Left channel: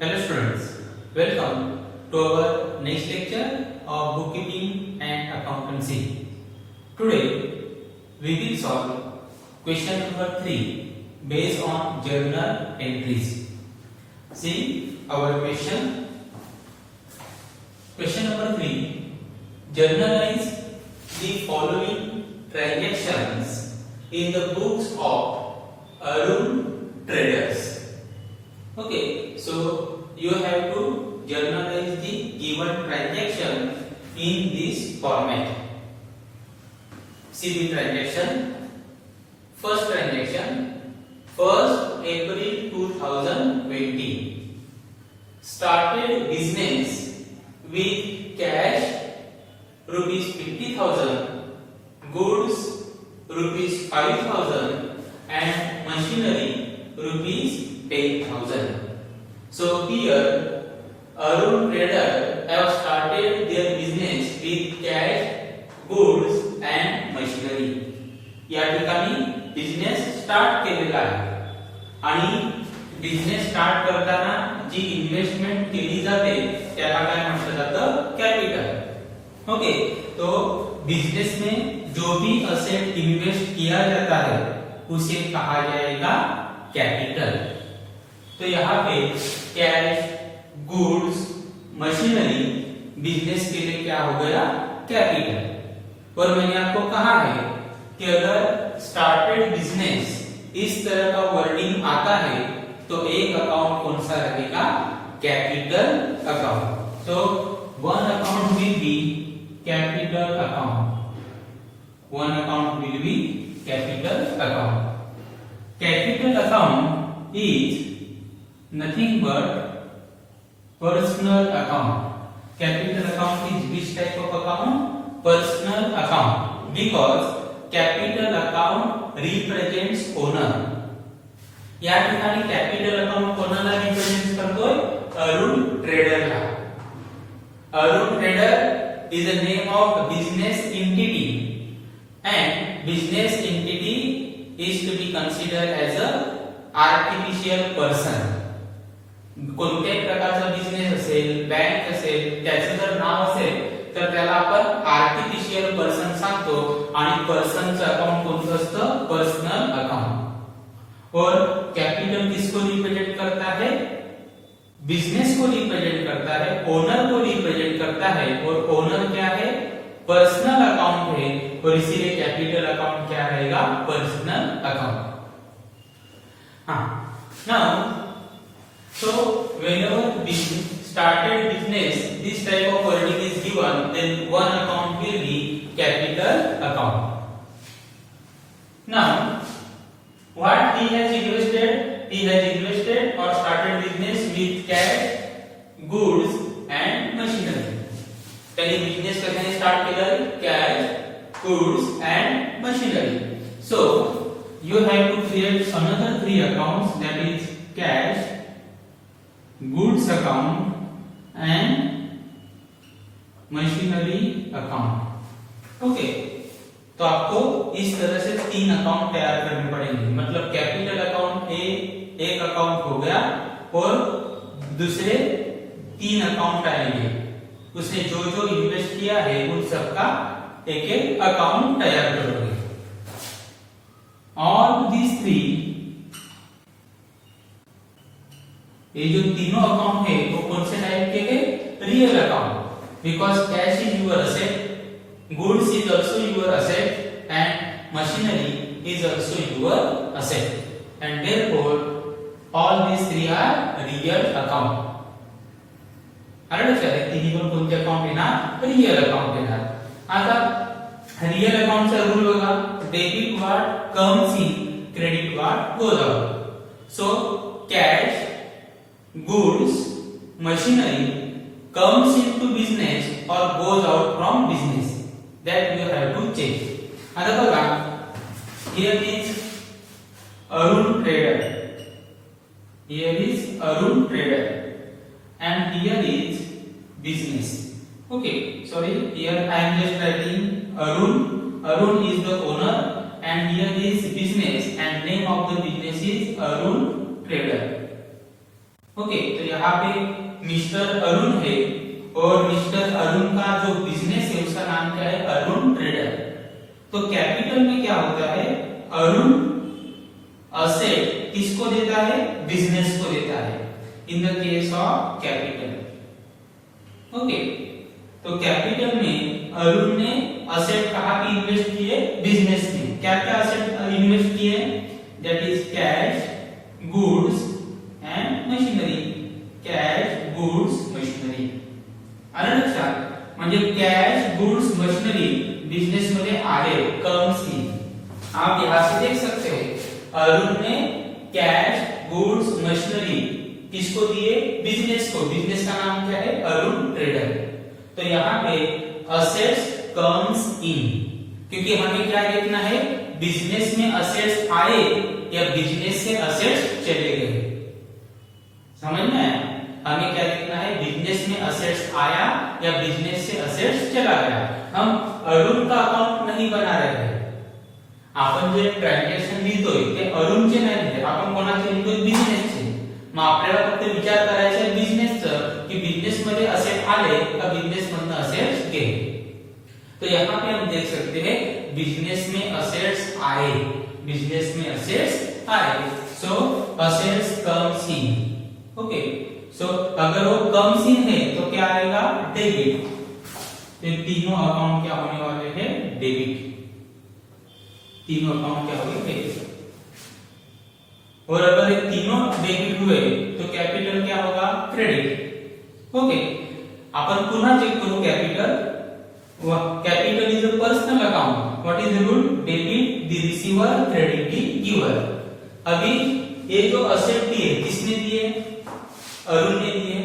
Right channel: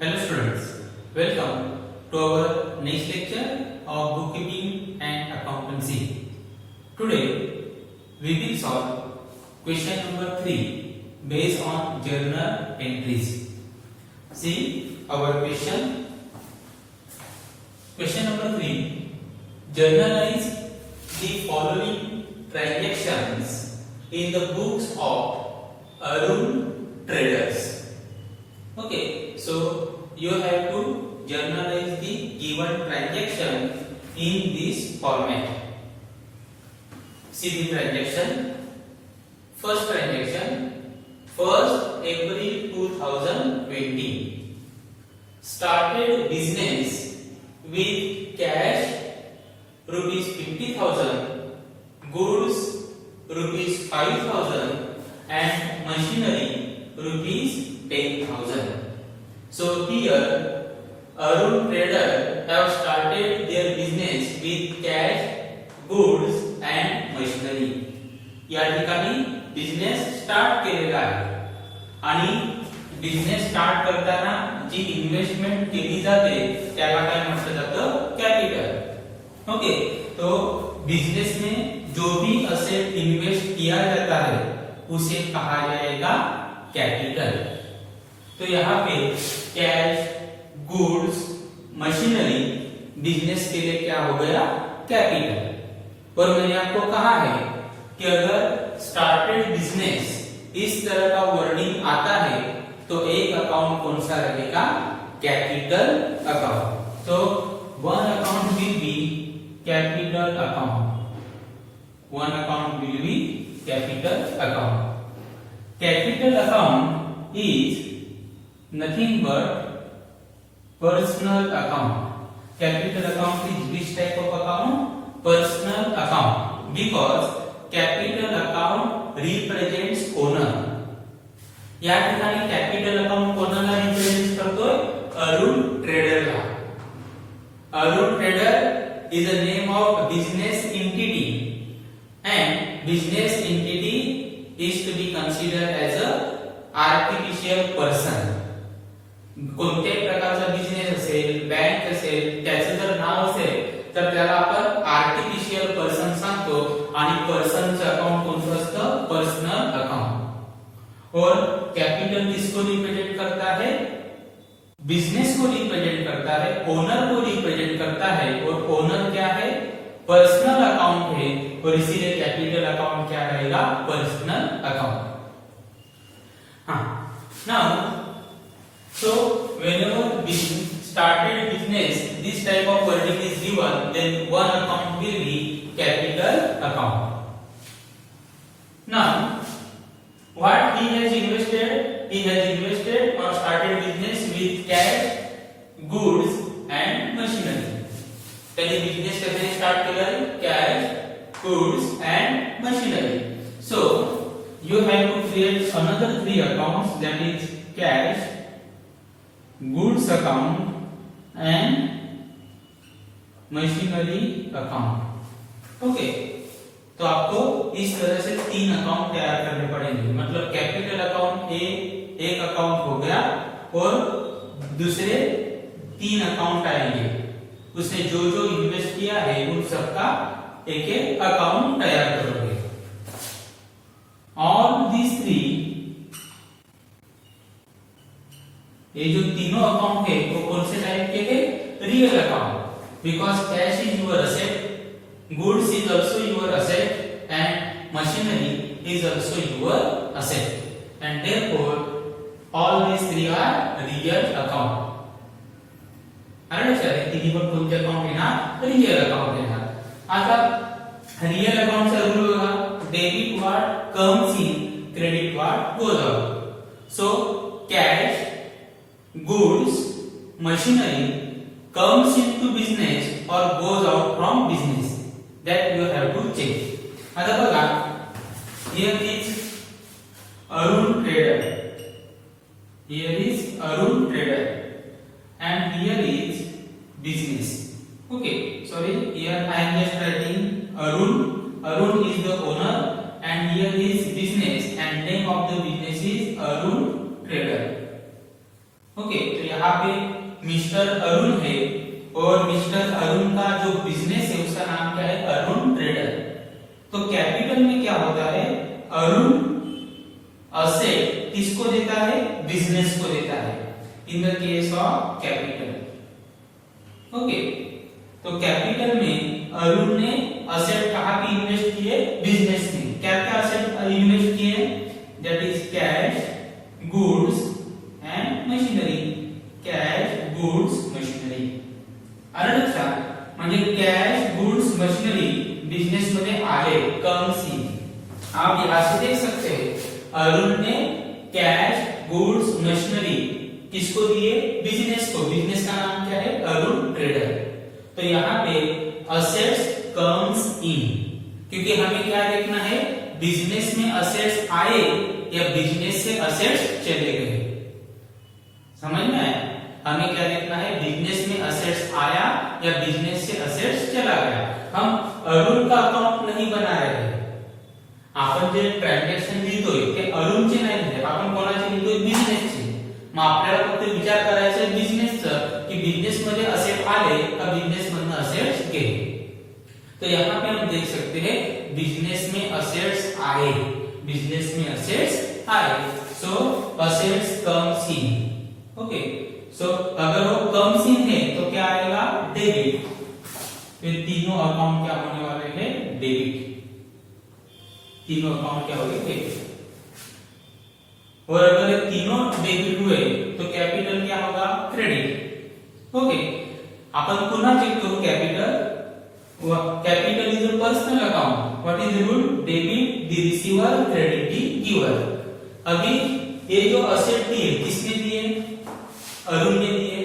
Hello students, welcome to our next lecture of bookkeeping and accountancy. Today we will solve question number 3 based on journal entries. See our question. Question number 3. Journalize the following transactions in the books of Arun Traders. Okay, so you have to journalize the given transaction in this format. See the transaction. First transaction, 1st April 2020. Started business with cash rupees 50,000, goods rupees 5,000 and machinery rupees 10,000. So here Arun Trader have started their business with cash, goods and machinery. या ठिकाणी business start केलेला आहे आणि business start करताना जी investment केली जाते त्याला काय म्हटलं जातं? कॅपिटल. ओके, तो बिजनेस में जो भी असेट इन्वेस्ट किया जाता है उसे कहा जाएगा कैपिटल. तो यहाँ पे कैश, गुड्स, मशीनरी बिजनेस के लिए क्या हो गया? कैपिटल. और मैंने आपको कहा है कि अगर स्टार्टेड बिजनेस इस तरह का वर्डिंग आता है तो एक अकाउंट कौन सा रहेगा? Capital account. तो one account will be capital account. One account will be capital account. Capital account is nothing but personal account. Capital account is which type of account? Personal account, because capital account represents owner. या ठिकाणी capital account कोणाला represent करतोय? अरुण ट्रेडरला. Arun trader is the name of business entity and business entity is to be considered as a artificial person. कोणत्याही प्रकारचा business असेल, bank असेल, त्याचे जर नाव असेल तर त्याला आपण आर्टिफिशियल पर्सन सांगतो आणि पर्सनचं अकाउंट कोणतं असतं? Personal account. और कैपिटल किसको रिप्रेजेंट करता है? बिजनेस को रिप्रेजेंट करता है, ओनर को रिप्रेजेंट करता है. और ओनर क्या है? पर्सनल अकाउंट है और इसीलिए कैपिटल अकाउंट क्या रहेगा? Personal account. हाँ, now so whenever started business this type of wording is given, then one account will be capital account. Now what he has invested? He has invested or started business with cash, goods and machinery. त्याने business कशाने start केलं? Cash, goods and machinery. So you have to create another 3 accounts, that is cash, goods account and machinery account. Okay, तो आपको इस तरह से 3 account तैयार करने पड़ेंगे. मतलब कैपिटल अकाउंट एक अकाउंट हो गया और दूसरे 3 अकाउंट आएंगे. उसने जो जो इन्वेस्ट किया है उन सबका एक एक अकाउंट तैयार करोगे. ऑल दीज 3, ये जो तीनों अकाउंट है वो कौन से टाइप के हैं? Real account. Because cash is your asset, goods is also your asset and machinery is also your asset and therefore all these 3 are real account. तिन्ही पण कोणते अकाउंट येणार? रियल अकाउंट येणार. आता रियल अकाउंटचा रूल बघा. Debit what comes in, credit what goes out. So cash, goods, machinery comes into business or goes out from business. That you have to check. आता बघा, here is Arun Trader. Here is Arun Trader and here is business. Okay, sorry, here I am just writing Arun. Arun is the owner and here is business and name of the business is Arun Trader. Okay, तो यहाँ पे mister Arun है और mister Arun का जो business है उसका नाम क्या है, अरुण ट्रेडर। तो कैपिटल में क्या होता है, अरुण असेट किसको देता है, बिजनेस को देता है in the case of capital. Okay, तो कैपिटल में अरुण ने असेट कहाँ पे इन्वेस्ट किए, बिजनेस में। क्या क्या असेट इन्वेस्ट किए, that is cash, goods and machinery. Cash, goods, machinery. आलं लक्षात, म्हणजे कॅश, गुड्स, मशीनरी बिजनेस मध्ये आले, कम्स इन। आप यहां से देख सकते हैं अरुण ने कैश, गुड्स, मशीनरी किसको दिए, बिजनेस को। बिजनेस का नाम क्या है, अरुण ट्रेडर। तो यहाँ पे असेट्स कम्स इन, क्योंकि हमें क्या देखना है, बिजनेस में असेट्स आए या बिजनेस से असेट्स चले गए। समझ में आया, हमें क्या देखना है, बिजनेस में असेट्स आया या बिजनेस से असेट्स चला गया। हम अरुण का अकाउंट नहीं बना रहे हैं, आपण जे ट्रान्झॅक्शन लिहितोय ते अरुणचे नाही लिहित, आपण कोणाचे लिहितोय, बिजनेसचे। मग आपल्याला फक्त विचार करायचा आहे बिजनेसचं, की बिजनेस मध्ये असेट आले का बिजनेस मधनं असेट्स गेले। तो यहाँ पे हम देख सकते हैं बिजनेस में असेट्स आए, बिजनेस में असेट्स आए, सो असेट्स कम्स इन। ओके, सो अगर वो कम्स इन है तो क्या आएगा, डेबिट। ये तीनों अकाउंट क्या होने वाले हैं, डेबिट। तीनों अकाउंट क्या हो गए, डेबिट। और अगर ये तीनों डेबिट हुए तो कैपिटल क्या होगा, क्रेडिट। ओके, अपन पुन्हा चेक करू capital. Capital is a personal account, what is the rule, debit the receiver, credit the giver. अभी ये जो असेट दिए किसने दिए, अरुण ने दिए।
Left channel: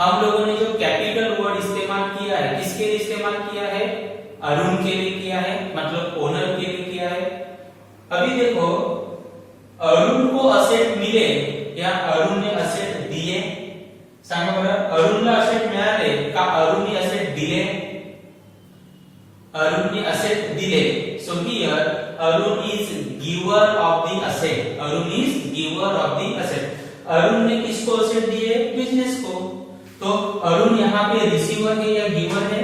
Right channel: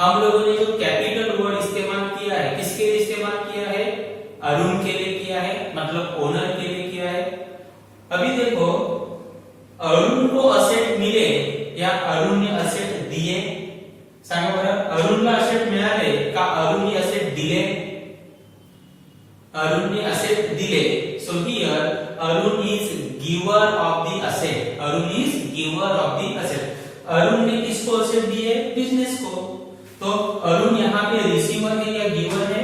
हम लोगों ने जो कैपिटल वर्ड इस्तेमाल किया है किसके लिए इस्तेमाल किया है, अरुण के लिए किया है, मतलब ओनर के लिए किया है। अभी देखो अरुण को असेट मिले या अरुण ने असेट दिए, सांगा बरं, अरुणला असेट मिळाले का अरुणने असेट दिले, अरुणने असेट दिले। So here Arun is giver of the asset, Arun is giver of the asset. Arun ने किसको असेट दिए, बिजनेस को। तो अरुण यहाँ पे रिसीवर है या गिवर है,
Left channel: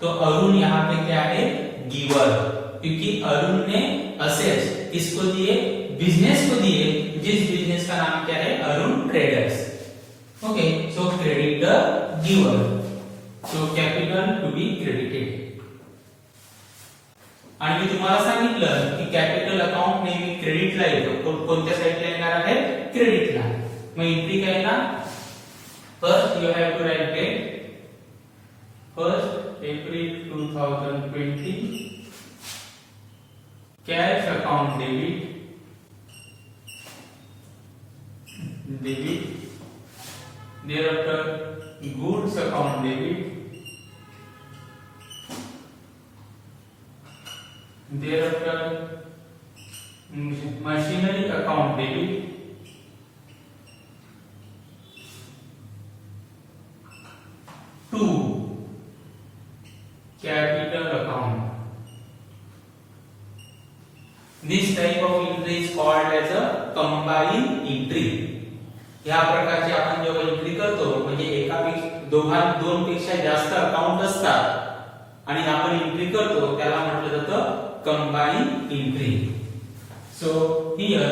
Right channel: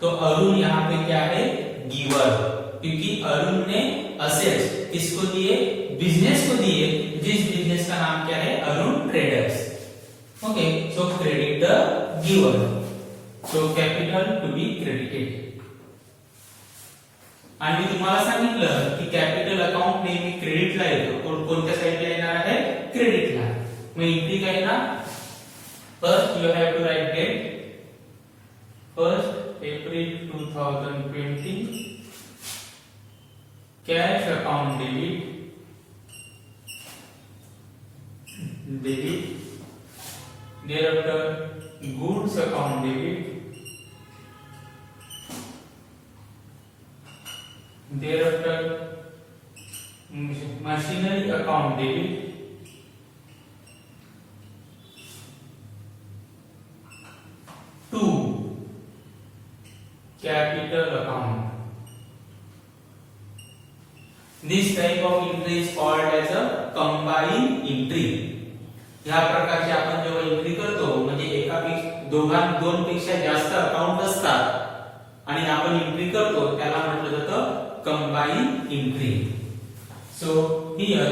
तो अरुण यहाँ पे क्या है, गिवर, क्योंकि अरुण ने असेट्स किसको दिए, बिजनेस को दिए, जिस बिजनेस का नाम क्या है, Arun traders. Okay, so credit the giver, so capital to be credited. आणि मी तुम्हाला सांगितलं की कॅपिटल अकाउंट नेहमी क्रेडिटला येतो, तो कोणत्या साइडला येणार आहे, क्रेडिटला। मग एंट्री काय ना, first you have to write date, 1 April 2020, cash account debit, thereafter goods account debit, thereafter machinery account debit, to capital account. This type of entry is called as a combined entry. या प्रकारचे आपण जेव्हा entry करतो म्हणजे दोन पेक्षा जास्त account असतात आणि आपण एंट्री करतो त्याला म्हटलं जातं combined entry. So here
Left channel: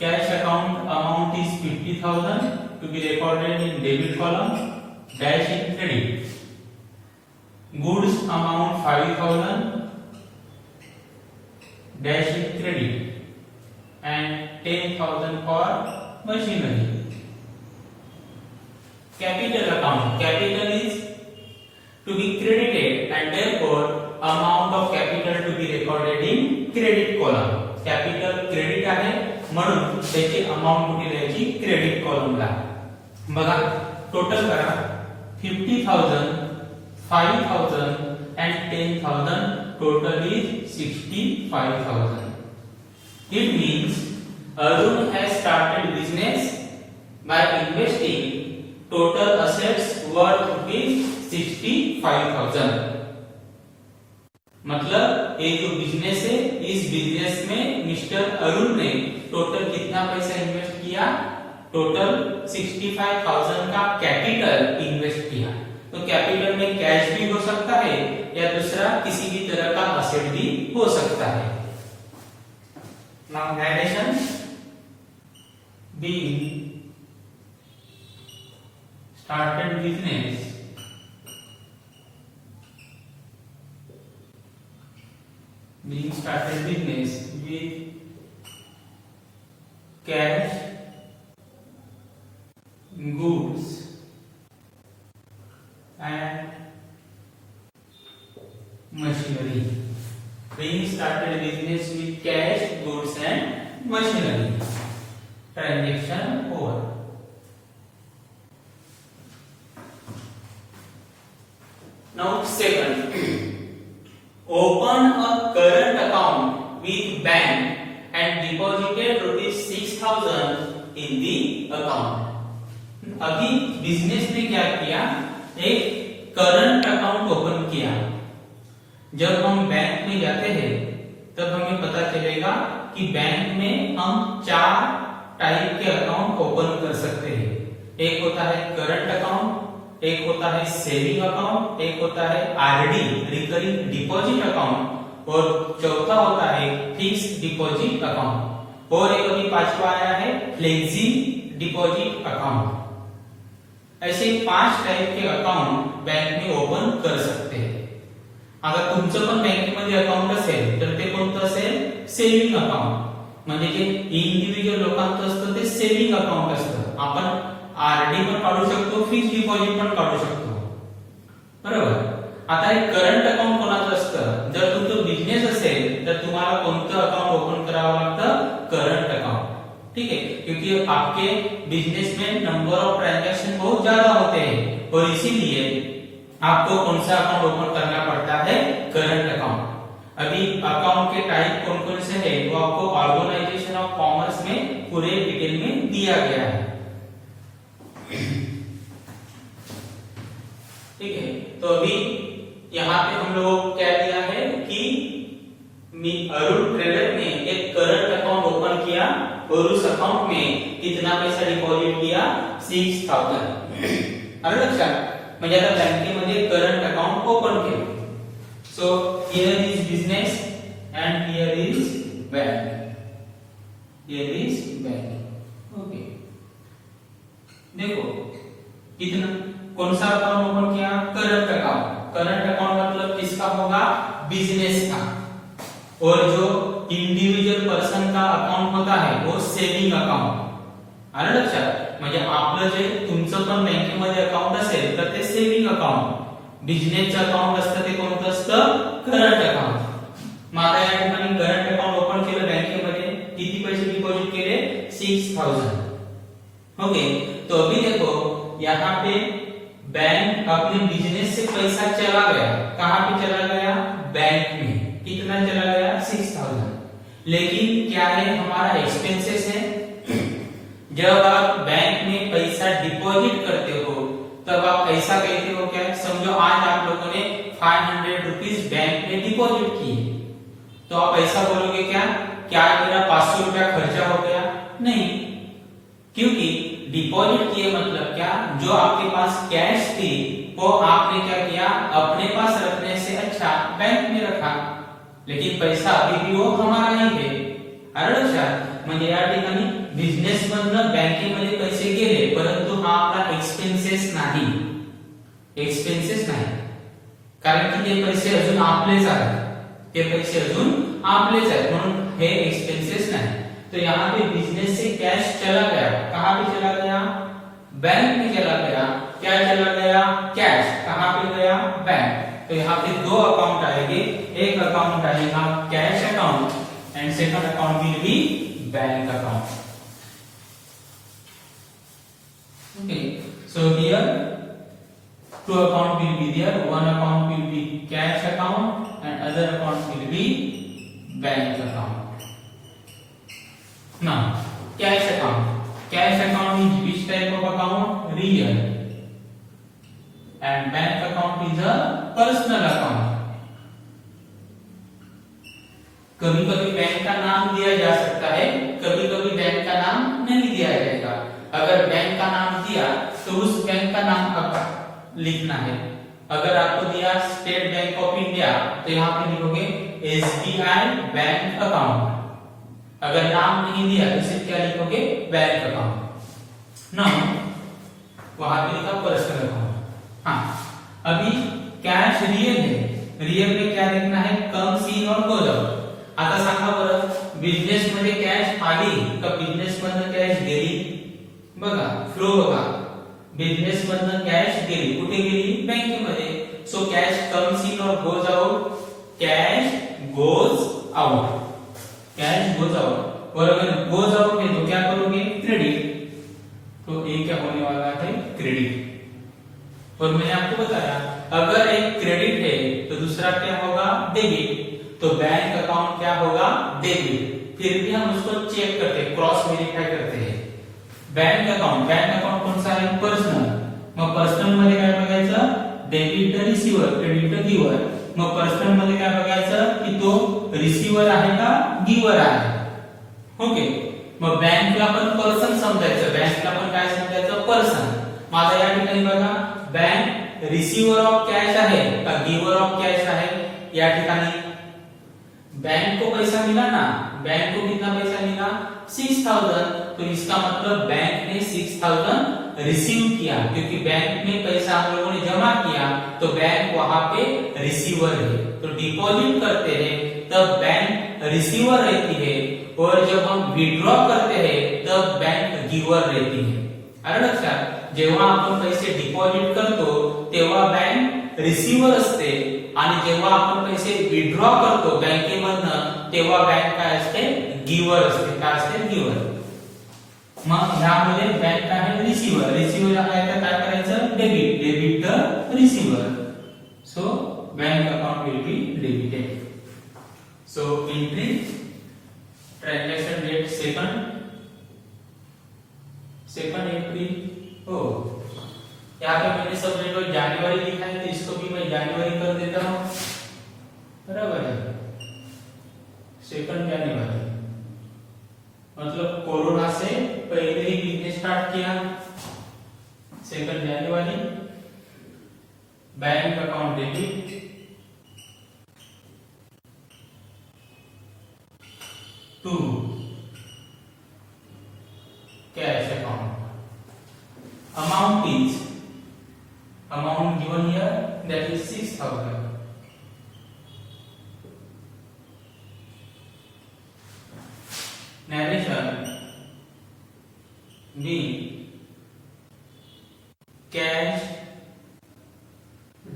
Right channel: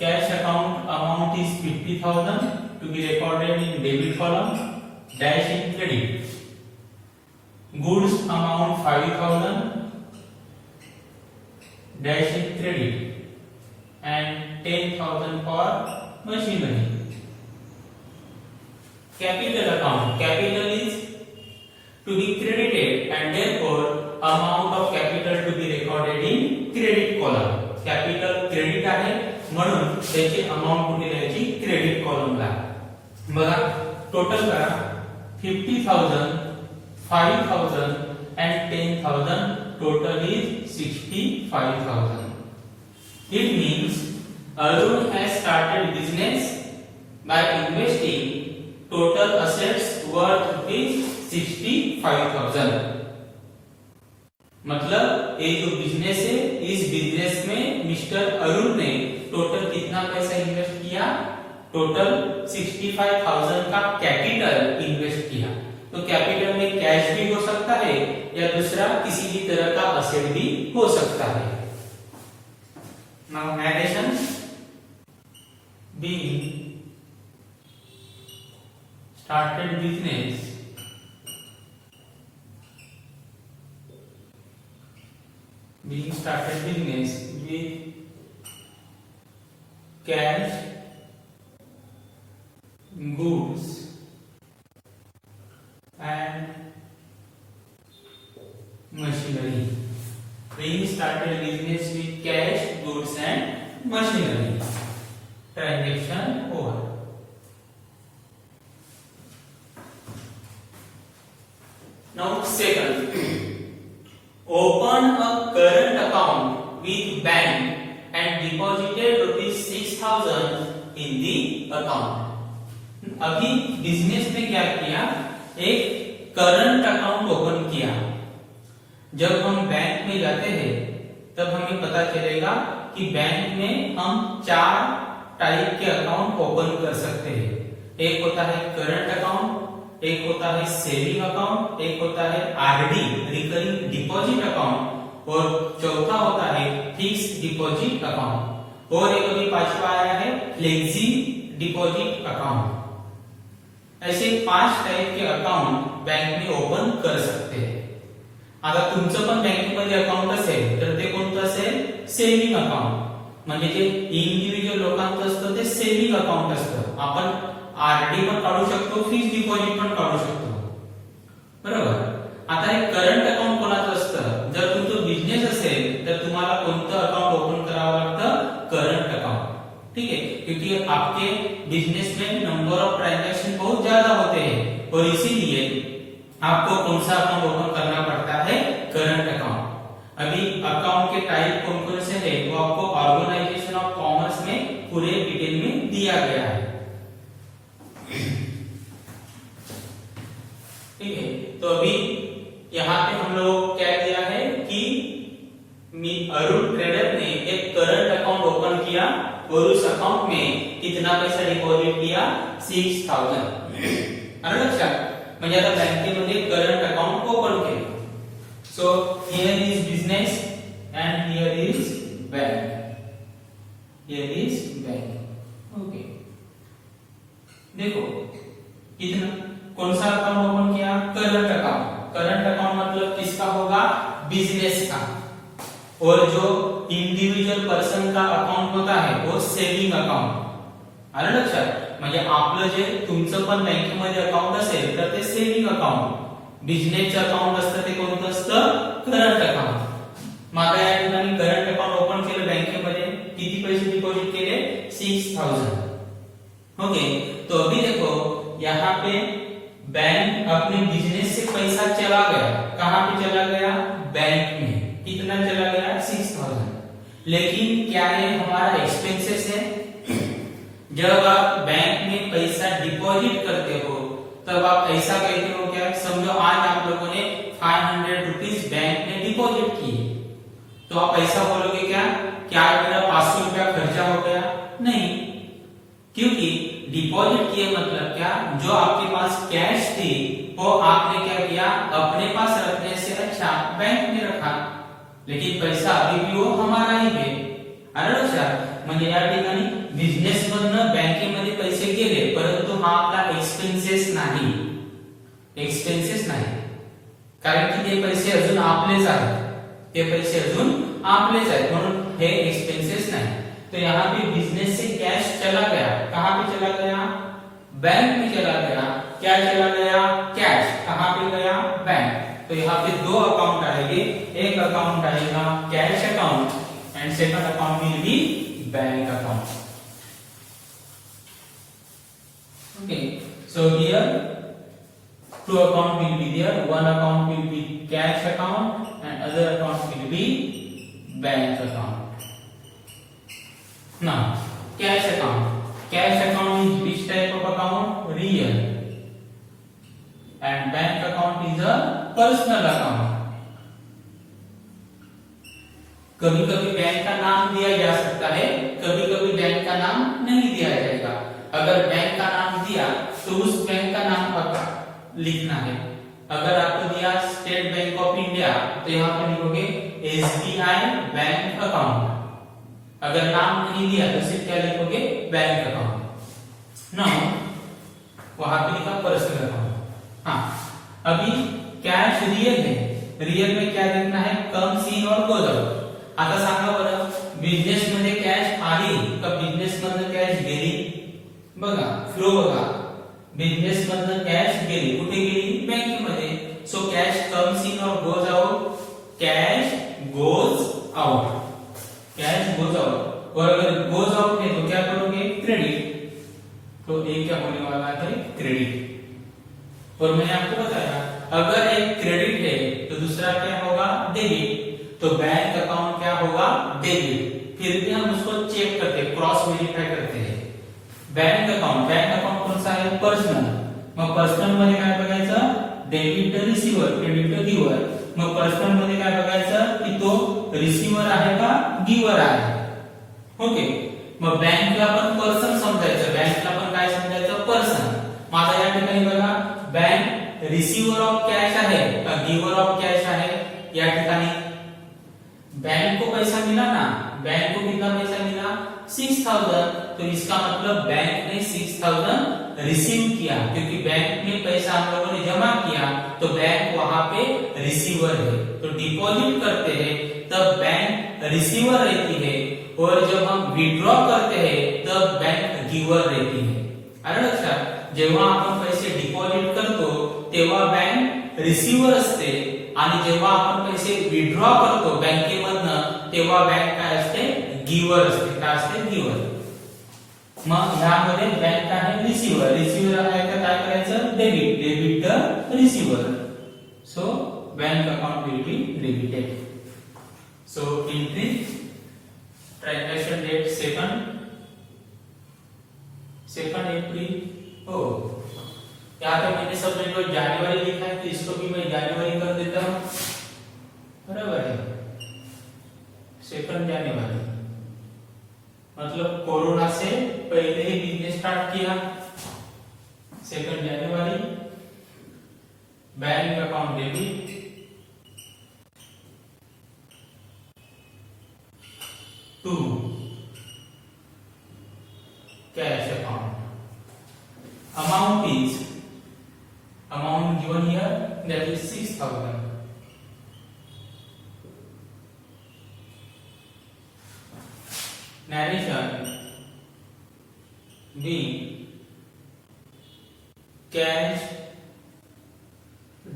cash account amount is 50,000 to be recorded in debit column dash in credit. Goods amount 5,000 dash in credit and 10,000 for machinery. Capital account, capital is to be credited and therefore amount of capital to be recorded in credit column. Capital credit आहे म्हणून त्याची amount कुठे द्यायची, credit कॉलमला. बघा total करा 50,000, 5,000 and 10,000, total is 65,000. It means Arjun has started business by investing total assets worth ₹65,000. मतलब ये जो बिजनेस है, इस बिजनेस में मिस्टर अरुण ने टोटल कितना पैसा इन्वेस्ट किया, टोटल 65,000 का कैपिटल इन्वेस्ट किया। तो कैपिटल में कैश भी हो सकता है या दूसरा किसी भी तरह का असेट भी हो सकता है। Now narration being started business with cash, goods and machinery. Being started business with cash, goods and machinery. Transaction over. Now second, open a current account with bank and deposited rupees 6,000 in the account. अभी business ने क्या किया, एक current account open किया। जब हम bank में जाते हैं तब हमें पता चलेगा कि बैंक में हम 4 टाइप के अकाउंट ओपन कर सकते हैं। एक होता है करंट अकाउंट, एक होता है सेविंग अकाउंट, एक होता है आरडी रिकरिंग डिपॉजिट अकाउंट और चौथा होता है फिक्स्ड डिपॉजिट अकाउंट और एक अभी पांचवा आया है फ्लेक्सी डिपॉजिट अकाउंट। ऐसे 5 टाइप के अकाउंट बैंक में ओपन कर सकते हैं। आता तुमचं पण बँकेमध्ये अकाउंट असेल तर ते कोणतं असेल, सेविंग अकाउंट। म्हणजे जे इंडिव्हिज्युअल लोकांचं असतं ते सेविंग अकाउंट असतं। आपण आरडी पण काढू शकतो, फिक्स्ड डिपॉझिट पण काढू शकतो, बरोबर। आता हे करंट अकाउंट कोणाचं असतं, जर तुमचा बिझनेस असेल तर तुम्हाला कोणतं अकाउंट ओपन करावं लागतं, करंट अकाउंट, ठीक है, क्योंकि आपके बिजनेस में नंबर ऑफ ट्रांजैक्शन बहुत ज्यादा होते हैं और इसीलिए आपको कौन सा अकाउंट ओपन करना पड़ता है, करंट अकाउंट। अभी अकाउंट के टाइप कौन कौन से है वो आपको ऑर्गेनाइजेशन ऑफ कॉमर्स में पूरे डिटेल में दिया गया है, ठीक है। तो अभी यहाँ पे हम लोग क्या किया है कि अरुण ट्रेडर ने एक करंट अकाउंट ओपन किया और उस अकाउंट में कितना पैसा डिपॉजिट किया, 6,000। आलं लक्षात, म्हणजे आता बँकेमध्ये करंट अकाउंट ओपन केले। So here is business and here is bank, here is bank, okay. देखो कितना, कौन सा अकाउंट ओपन किया, करंट अकाउंट। करंट अकाउंट मतलब किसका होगा, बिजनेस का। और जो इंडिव्हिज्युअल पर्सन का अकाउंट होता है वो सेविंग अकाउंट। आलं लक्षात, म्हणजे आपलं जे तुमचं पण बँकेमध्ये अकाउंट असेल तर ते सेविंग अकाउंट, बिझनेसचं अकाउंट असतं ते कोणतं असतं, करंट अकाउंट। मग या ठिकाणी करंट अकाउंट ओपन केलं बँकेमध्ये, किती पैसे डिपॉजिट केले, 6,000, ओके। तो अभी देखो यहाँ पे बैंक अपने बिजनेस से पैसा चला गया, कहां पे चला गया, बैंक में। कितना चला गया, 6,000। लेकिन क्या ये हमारा एक्सपेंसेस है। जब आप बैंक में पैसा डिपॉजिट करते हो तब आप ऐसा कहते हो क्या, समझो आज आप लोगों ने 500 रुपीज बैंक में डिपॉजिट किए, तो आप ऐसा बोलोगे क्या, क्या मेरा 500 रुपया खर्चा हो गया, नहीं, क्योंकि डिपॉजिट किए मतलब क्या, जो आपके पास कैश थी वो आपने क्या किया, अपने पास रखने से अच्छा बैंक में रखा, लेकिन पैसा अभी भी वो हमारा ही है। आलं लक्षात, म्हणजे या ठिकाणी बिझनेस मधनं बँकेमध्ये पैसे गेले परंतु हा आपला एक्सपेन्सेस नाही, एक्सपेन्सेस नाही, कारण की ते पैसे अजून आपलेच आहेत, ते पैसे अजून आपलेच आहेत, म्हणून हे एक्सपेन्सेस नाही। तो यहाँ पे बिजनेस से कैश चला गया, कहां पे चला गया, बैंक में चला गया। क्या चला गया, कैश, कहां पे गया, बैंक। तो यहाँ पे 2 अकाउंट आएंगे, एक अकाउंट आएगा cash account and second account will be bank account, okay. So here 2 account will be there, one account will be cash account and other account will be bank account. Now, cash account. Cash account is which type of account? Real. And bank account is a personal account. कभी कभी bank का नाम दिया जा सकता है, कभी कभी बैंक का नाम नहीं दिया जाएगा। अगर बैंक का नाम दिया तो उस बैंक का नाम लिखना है। अगर आपको दिया स्टेट बैंक ऑफ इंडिया तो यहाँ पे लिखोगे SBI बैंक अकाउंट। अगर नाम नहीं दिया तो सिर्फ क्या लिखोगे, बैंक अकाउंट। नो, वहां पे लिखा पर्सनल अकाउंट। हाँ, अभी कैश रियल है, रियल में क्या लिखना है, कम्स इन और गोज आउट। आता सांगा बरं, बिझनेस मध्ये कॅश आली का बिझनेस मधनं कॅश गेली? बघा फ्लो बघा, बिझनेस मधनं कॅश गेली, कुठे गेली, बँकेमध्ये। सो कॅश कम्स इन और goes out, cash goes out, cash goes out. और अगर गोज आउट है तो क्या करोगे, क्रेडिट। तो ये क्या होने वाला है, क्रेडिट। और मैंने आपको बताया अगर एक क्रेडिट है तो दूसरा क्या होगा, डेबिट। तो बैंक अकाउंट क्या होगा, डेबिट। फिर भी हम उसको चेक करते हैं, क्रॉस वेरीफाई करते हैं। बैंक अकाउंट कोणता आहे, पर्सनल। मग पर्सनल मध्ये काय बघायचं, डेबिट रिसीवर, क्रेडिट गिवर। मग पर्सनल मध्ये काय बघायचं की तो रिसीवर आहे का गिवर आहे। ओके, मग बँकला पण पर्सन समजायचं, बँकला पण काय समजायचं, पर्सन। माझा या ठिकाणी बघा बैंक रिसीवर ऑफ कैश आहे का गिवर ऑफ कैश आहे, या ठिकाणी बैंक को पैसा मिला ना, बैंक को कितना पैसा मिला, 6000। तो इसका मतलब बैंक ने 6000 रिसीव किया, क्योंकि बैंक में पैसा हम लोगों ने जमा किया तो बैंक वहां पे रिसीवर है। तो डिपॉजिट करते हैं तब बैंक रिसीवर रहती है, और जब हम विड्रॉ करते हैं तब बैंक गिवर रहती है। आलं लक्षात, जेव्हा आपण पैसे डिपॉजिट करतो तेव्हा बँक रिसीवर असते, आणि जेव्हा आपण पैसे विड्रॉ करतो बँकेमधनं तेव्हा बँक काय असते, गिवर असते। काय असते, गिवर। मग ह्यामध्ये बँक काय आहे, रिसीवर। रिसीवर आहे तर काय करायचं, debit, debit receiver. So bank account will be debited. So entry transaction date second entry. ओ, यहाँ पे मैंने सबने को जनवरी लिखा है तो इसको भी मैं जनवरी कर देता हूं, बराबर है। 2 जनवरी मतलब कोरोना से पहले ही बिजनेस स्टार्ट किया। 2 जनवरी bank account debit, to cash account. amount given here, that is 6000। narration B, cash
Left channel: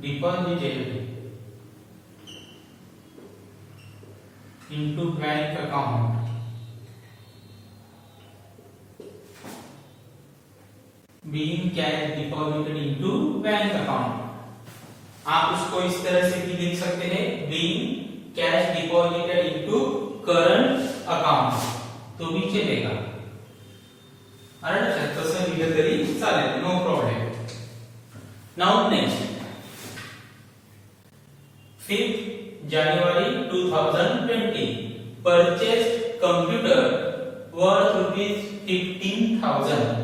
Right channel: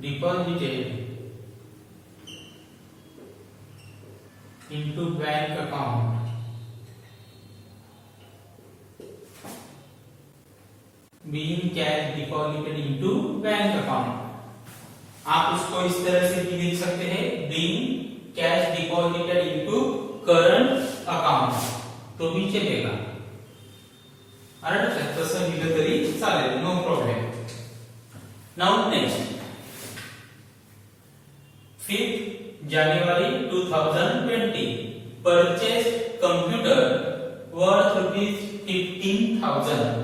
deposited into bank account, being cash deposited into bank account. आप उसको इस तरह से भी लिख सकते हैं, being cash deposited into current account, तो भी चलेगा। अरे तसं लिहिलं तरी चालेल, no problem. Now next 5 January 2020 purchased computer worth ₹15,000।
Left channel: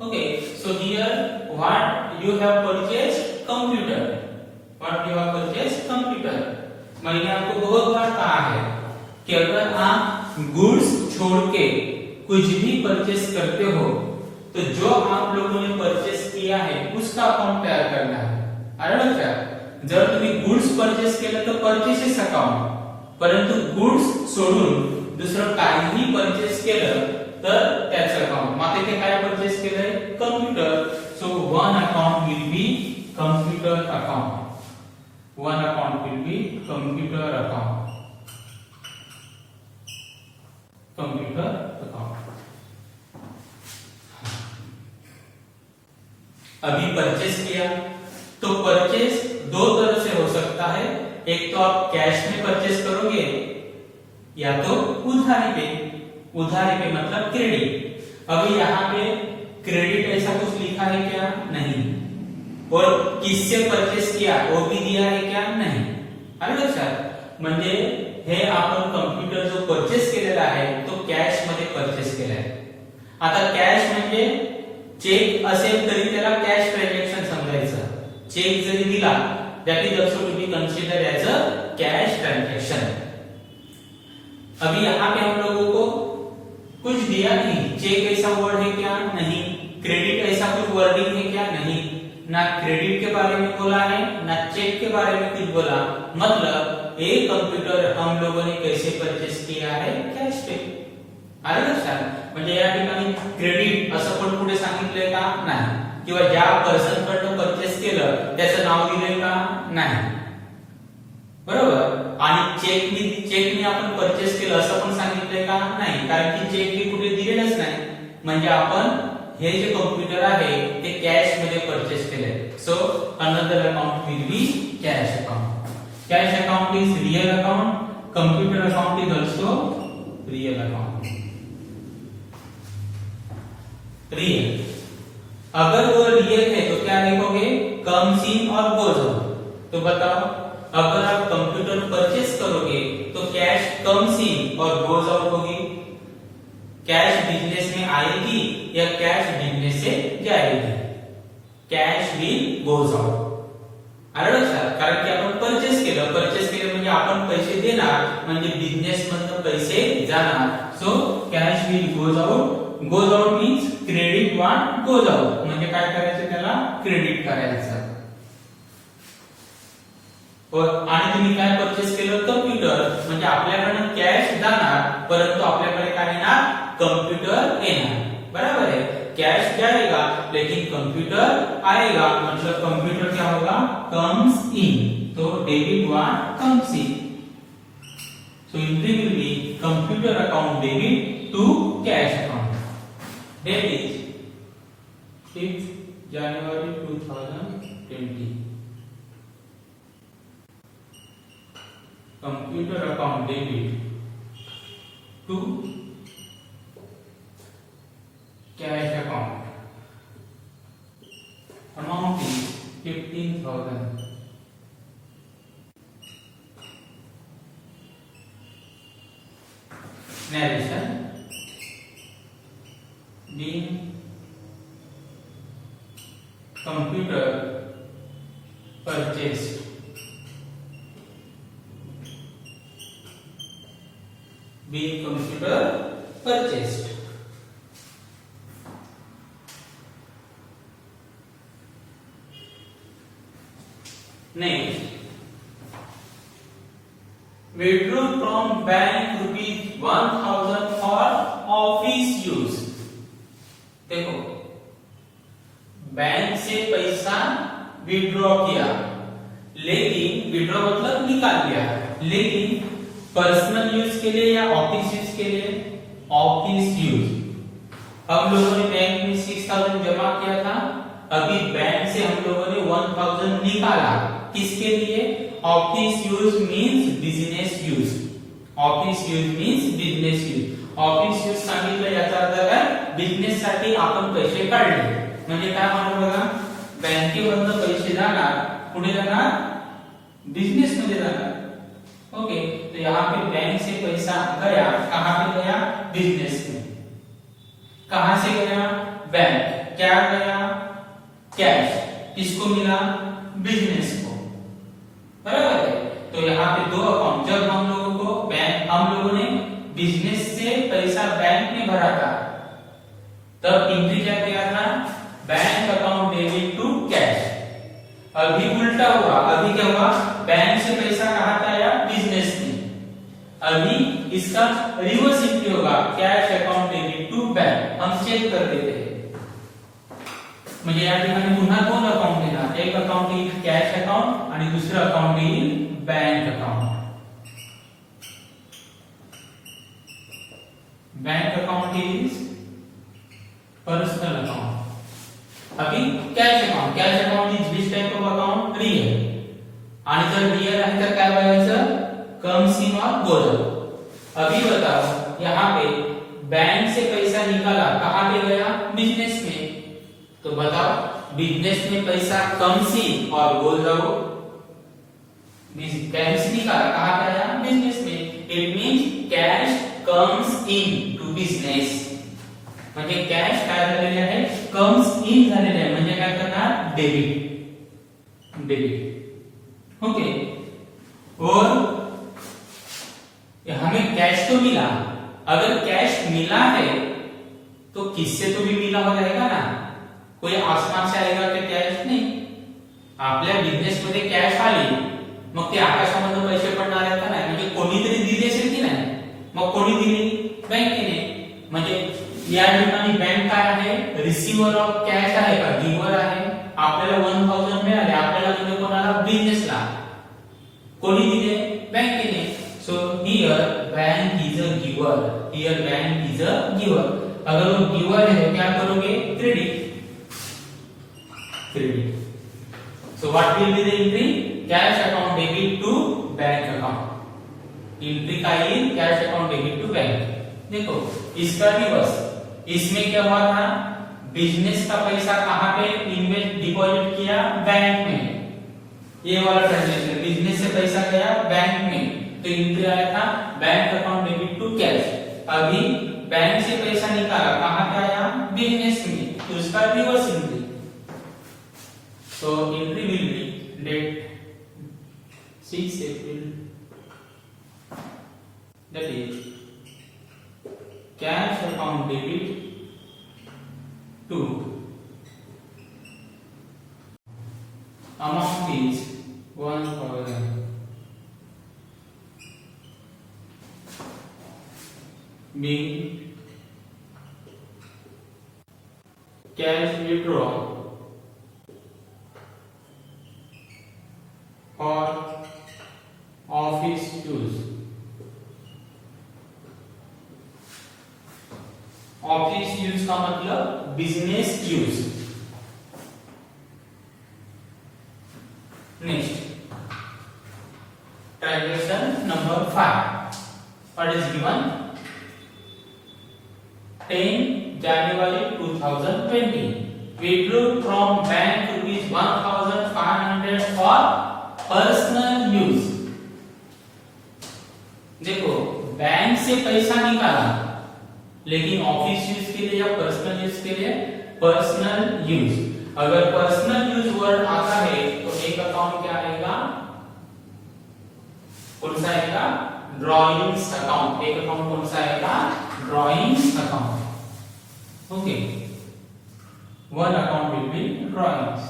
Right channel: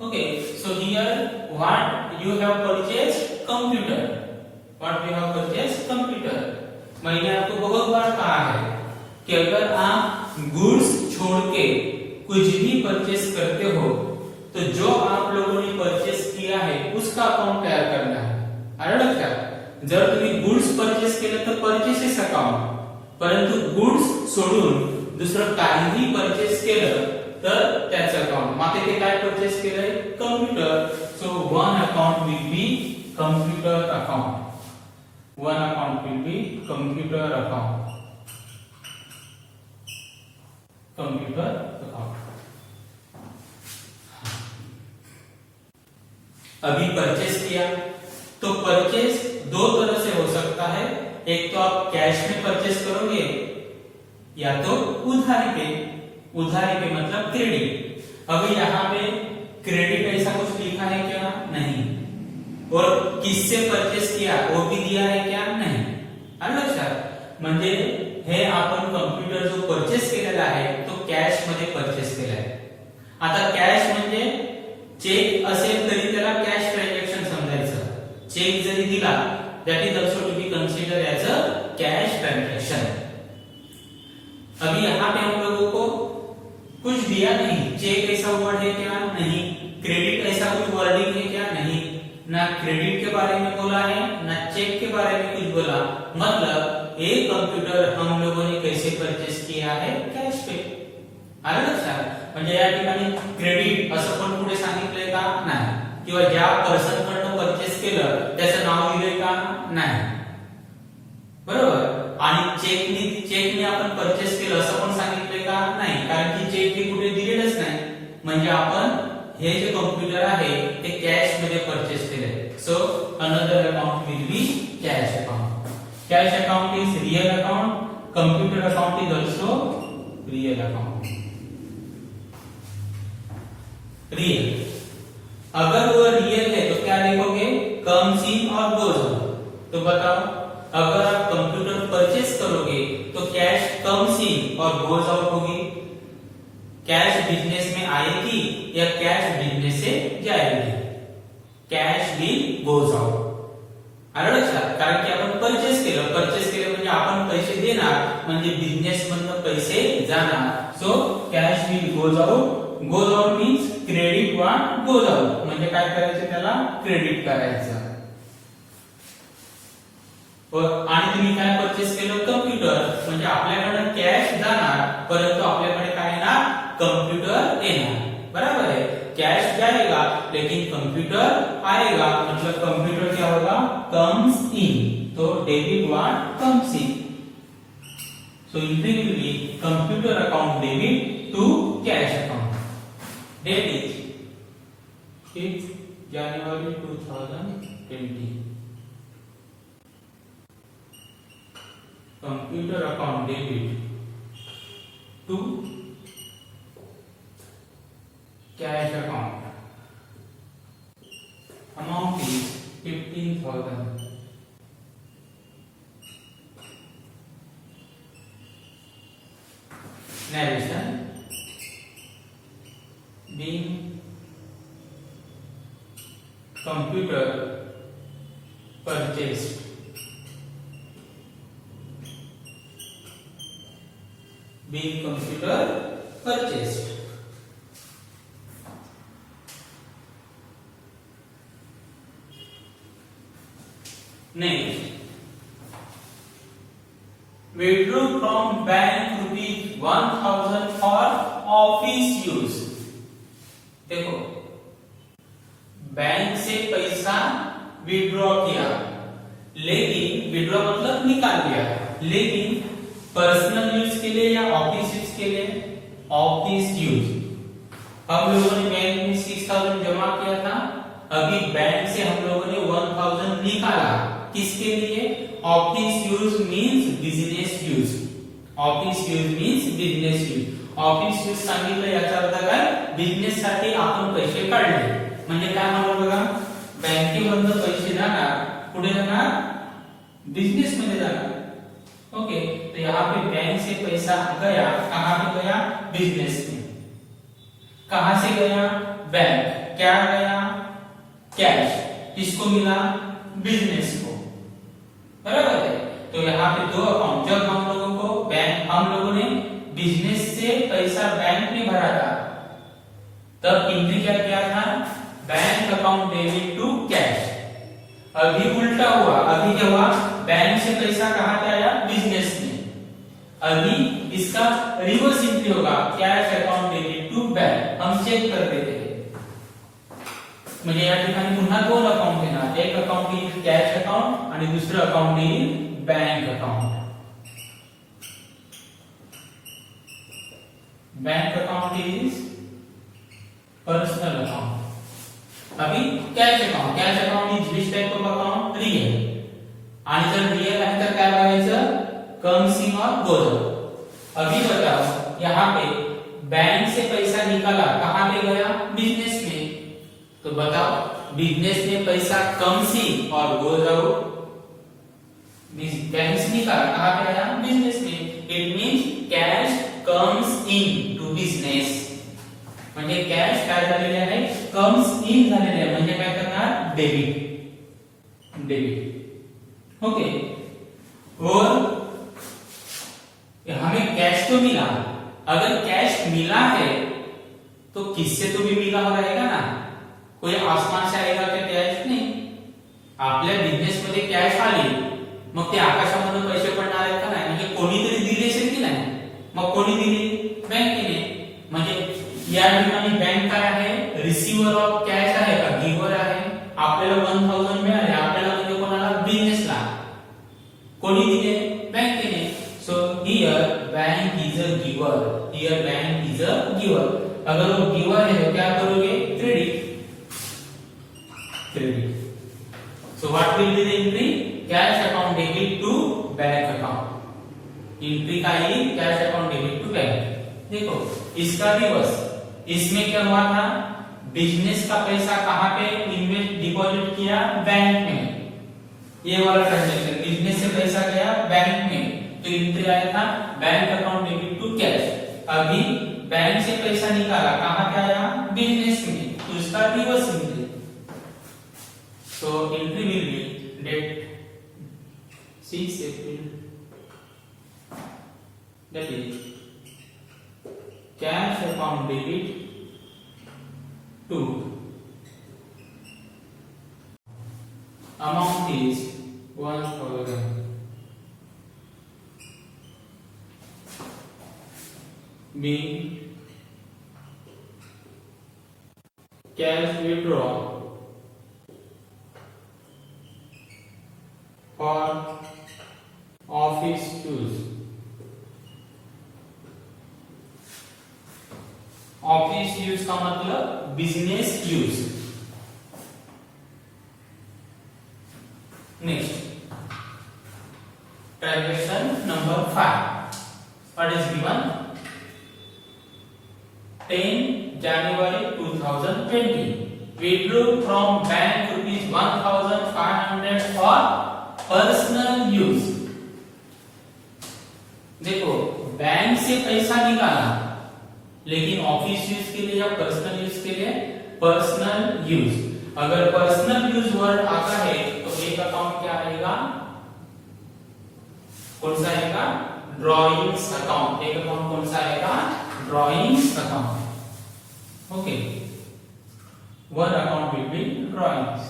Okay, so here what you have purchased, computer। What you have purchased, computer। मैंने आपको बहुत बार कहा है कि अगर आप गुड्स छोड़ के कुछ भी परचेस करते हो तो जो आप लोगों ने परचेस किया है उसका अकाउंट तयार करना है। आलं का, जर तुम्ही गुड्स परचेस केलं तर परचेसेस अकाउंट, परंतु गुड्स सोडून दुसरं काहीही परचेस केलं तर त्याचं अकाउंट। माते के काय परचेस केलंय, computer. So one account will B computer account, one account will B computer account, computer account. अभी परचेस किया तो परचेस दो तरह से हो सकता है, एक तो आप कैश में परचेस करोगे या तो उधारी पे। उधारी पे मतलब क्रेडिट। अभी यहाँ पे क्रेडिट ऐसा कुछ लिखा है क्या, नहीं। और किससे परचेस किया वो भी दिया है क्या, नहीं। आलं लक्षात, म्हणजे हे आपण कम्प्युटर जो परचेस केलेला आहे तो कॅश मध्ये परचेस केला आहे। आता कॅश म्हणजे चेक असेल तरी त्याला कॅश ट्रांजैक्शन समजायचं. चेक जरी दिला that is also to be considered as a cash transaction. अभी यहाँ पे हम लोगों को कुछ दिया नहीं, चेक ऐसा वर्ड है क्या? नहीं. क्रेडिट ऐसा कुछ वर्डिंग है क्या? नहीं. ना क्रेडिट के बारे में बोला है ना चेक के बारे में कुछ बोला. मतलब एक कंप्यूटर हम लोगों ने कैसे परचेस किया है? कॅश पे. आलं लक्षात? म्हणजे या ठिकाणी क्रेडिट असं पण पुढे सांगितलंय का? नाही. किंवा ज्या पर्सन कडनं परचेस केलं त्याचं नाव दिलंय का? नाही. बरोबर. आणि चेकनी आपण परचेस केलं असं पण सांगितलंय का? नाही. कारण की चेक हे कुठे दिलेलंच नाही. म्हणजे आपण हे जे कॉम्प्युटर आहे ते कॅश मध्ये परचेस केले. So another account will B cash account. Cash account is real account. Computer account is also real account. Real. अगर वो रियल है तो क्या लिखोगे? कम्स इन और गोज आउट. तो बताओ, अगर आप कंप्यूटर परचेस करोगे तो कैश कम्स इन और गोज आउट होगी. कैश बिजनेस में आएगी या कैश बिजनेस से जाएगी? Cash will goes out. आलं लक्षात? कारण की आपण परचेस केलं म्हणजे आपण पैसे देणार म्हणजे बिझनेस मधनं पैसे जाणार. So cash will goes out. Goes out means credit one goes out. म्हणजे काय करायचं? त्याला क्रेडिट करायचं. आणि तुम्ही काय परचेस केलं? कम्प्युटर. म्हणजे आपल्याकडे कॅश जाणार परंतु आपल्याकडे काय येणार? कंप्यूटर येणार. बराबर है. कैश जाएगा लेकिन कंप्यूटर आएगा. मतलब कंप्यूटर क्या होगा? Comes in. तो debit one comes in. So entry will be computer account debit to cash account. Date is 6 January 2020. Computer account debit to cash account. Amount is 15,000. Narration. Being computer purchased. Being computer purchased. Next, withdraw from bank rupees 1,000 for office use. देखो, bank से पैसा withdraw किया लेकिन withdraw मतलब निकाल दिया, लेकिन personal use के लिए या ऑफिस यूज के लिए? Office use. हम लोगों ने बैंक में 6,000 जमा किया था. अभी बैंक से हम लोगों ने 1,000 निकाला. किसके लिए? Office use means business use. Office use means business use. Office use सांगितलं याचा अर्थ काय? बिझनेस साठी आपण पैसे काढले. म्हणजे काय म्हणलं बघा? बँकेमधून पैसे जाणार कुठे जाणार? बिजनेस मध्ये जाणार. ओके. तो यहाँ पे बैंक से पैसा गया, कहां पे गया? बिजनेस में. कहां से गया? बैंक. क्या गया? कैश. किसको मिला? बिजनेस को. बराबर है. तो यहाँ पे दो अकाउंट. जब हम लोगों को हम लोगों ने बिजनेस से पैसा बैंक में भरा था तब एंट्री क्या किया था? Bank account debit to cash. अभी उल्टा हुआ. अभी क्या हुआ? बैंक से पैसा कहां पे आया? बिजनेस में. अभी इसका रिवर्स एंट्री होगा. Cash account debit to bank. हम चेक कर देते हैं. म्हणजे या ठिकाणी पुन्हा दोन अकाउंट येणार. एक अकाउंट येईल कॅश अकाउंट आणि दुसरं अकाउंट येईल bank account. Bank account is personal account. अभी cash account is which type of account? Real. आणि जर रियल आहे तर काय बघायचं? कम्स इन और गोज आउट. अभी बताओ, यहाँ पे बैंक से पैसा निकाला, कहां पे गया? बिजनेस में. तो बताओ, बिजनेस में पैसा कम्स इन और गोज आउट. बैंक से निकाला, कहां पे आया? बिजनेस में. It means cash comes in to business. म्हणजे कॅश काय झालेले आहे, कम्स इन झालेले आहे, म्हणजे काय करणार, डेबिट, डेबिट. ओके. और हमें कैश तो मिला, अगर कैश मिला है तो किससे तो भी मिला हुआ रहेगा ना, कोई आसमान से आएगा क्या कॅश, नाही. आपल्या बिझनेस मध्ये कॅश आली, मग ते आकाशामधून पैसे पडणार आहेत का नाही, म्हणजे कोणीतरी दिले असेल की नाही. मग कोणी दिली, बँकेने. म्हणजे या ठिकाणी बँक काय आहे, रिसिव्हर ऑफ कॅश आहे का, गिव्हर आहे. आपल्याला 1000 मिळाले, आपल्याला म्हणजे कोणाला, बिझनेसला. कोणी दिले, बँकेने. So here bank is a giver, here bank is a giver. अगर वो गिवर है तो क्या करोगे, credit, credit. So what will be the entry, cash account debit to bank account. Entry का ही cash account debit to bank. देखो इसका रिवर्स, इसमें क्या हुआ था, बिजनेस का पैसा कहां पे इन्वेस्ट, डिपॉजिट किया, बैंक में. ये वाला ट्रांजेक्शन, बिजनेस से पैसा गया बैंक में, तो एंट्री आया था bank account debit to cash. अभी बैंक से पैसा निकाला, कहां पे आया, बिजनेस में, तो उसका रिवर्स एंट्री. तो entry will be date 6 April, that is cash account debit to amount is 1000, being cash withdrawal for office use. Office use का मतलब business use. Next transaction number 5. What is given, 10 January 2020 withdrew from bank ₹1,500 for personal use. देखो bank से पैसा निकाला, लेकिन office use के लिए या पर्सनल यूज के लिए, पर्सनल यूज. अगर पर्सनल यूज वर्ड आता है तो एक अकाउंट क्या आएगा, कौन सा आएगा, ड्रॉइंग्स अकाउंट. एक अकाउंट कौन सा आएगा, drawings account. Okay, one account will be drawings,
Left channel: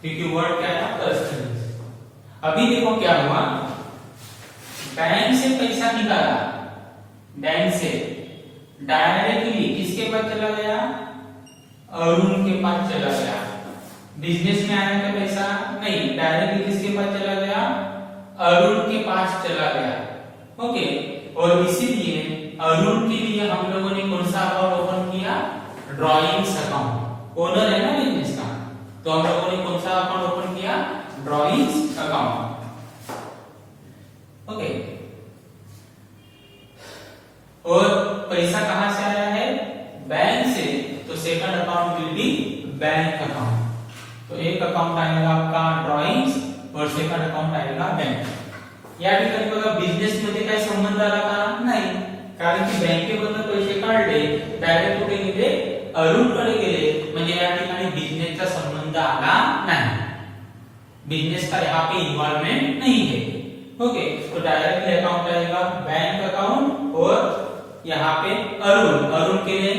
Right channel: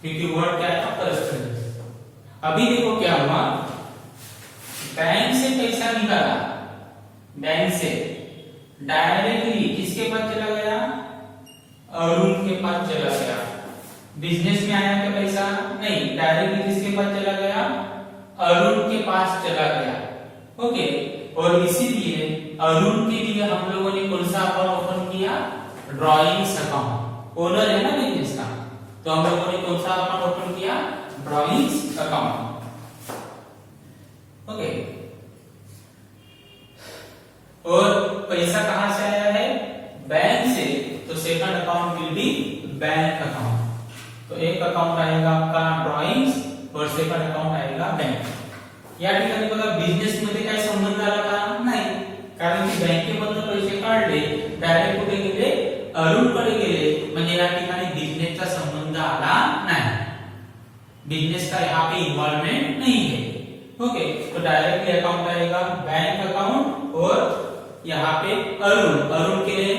क्योंकि वर्ड क्या है, पर्सनल. अभी देखो क्या हुआ, बैंक से पैसा निकाला, बैंक से डायरेक्टली किसके पास चला गया, अरुण के पास चला गया. बिजनेस में आया क्या पैसा, नहीं, डायरेक्टली किसके पास चला गया, अरुण के पास चला गया. ओके. और इसीलिए अरुण के लिए हम लोगों ने कौन सा अकाउंट ओपन किया, ड्रॉइंग्स अकाउंट. ओनर है ना बिजनेस का, तो हम लोगों ने कौन सा अकाउंट ओपन किया, ड्रॉइंग्स अकाउंट. ओके. और पैसा कहां से आया है, बैंक से, तो second account will be bank account. तो एक अकाउंट आएगा आपका ड्रॉइंग्स और सेकंड अकाउंट आएगा बैंक. या ठिकाणी बघा बिझनेस मध्ये काय संबंध आला का, नाही, कारण की बँकेमधून पैसे काढले, डायरेक्ट कुठे गेले, अरुणकडे गेले, म्हणजे या ठिकाणी बिझनेसचा संबंध आला नाही. बिजनेस का यहाँ पे इन्वॉल्वमेंट नहीं है. ओके. तो डायरेक्टली अकाउंट आएगा बैंक अकाउंट, और यहाँ पे अरुण, अरुण के लिए,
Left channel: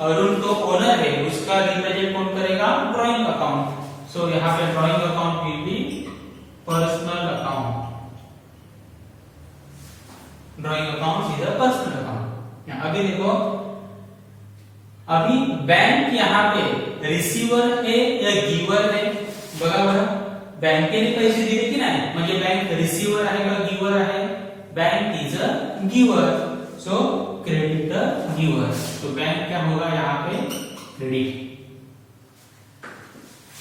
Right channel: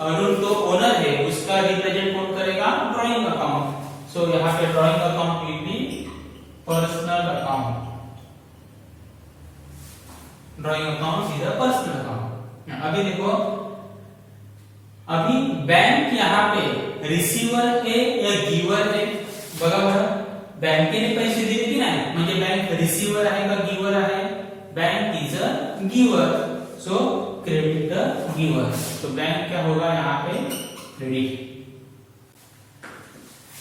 अरुण तो ओनर है, उसका रिप्रेजेंट कौन करेगा, ड्रॉइंग अकाउंट. सो यहाँ पे drawing account will be personal account. Drawing account is a personal account. अभी देखो, अभी बैंक यहाँ पे रिसीवर है या गिवर है, बघा बरं, बँकेने पैसे दिले की नाही, म्हणजे बँक रिसीवर आहे का गिवर आहे, bank is a giver. So credit the giver. तो बैंक क्या होगा यहाँ पे, क्रेडिट.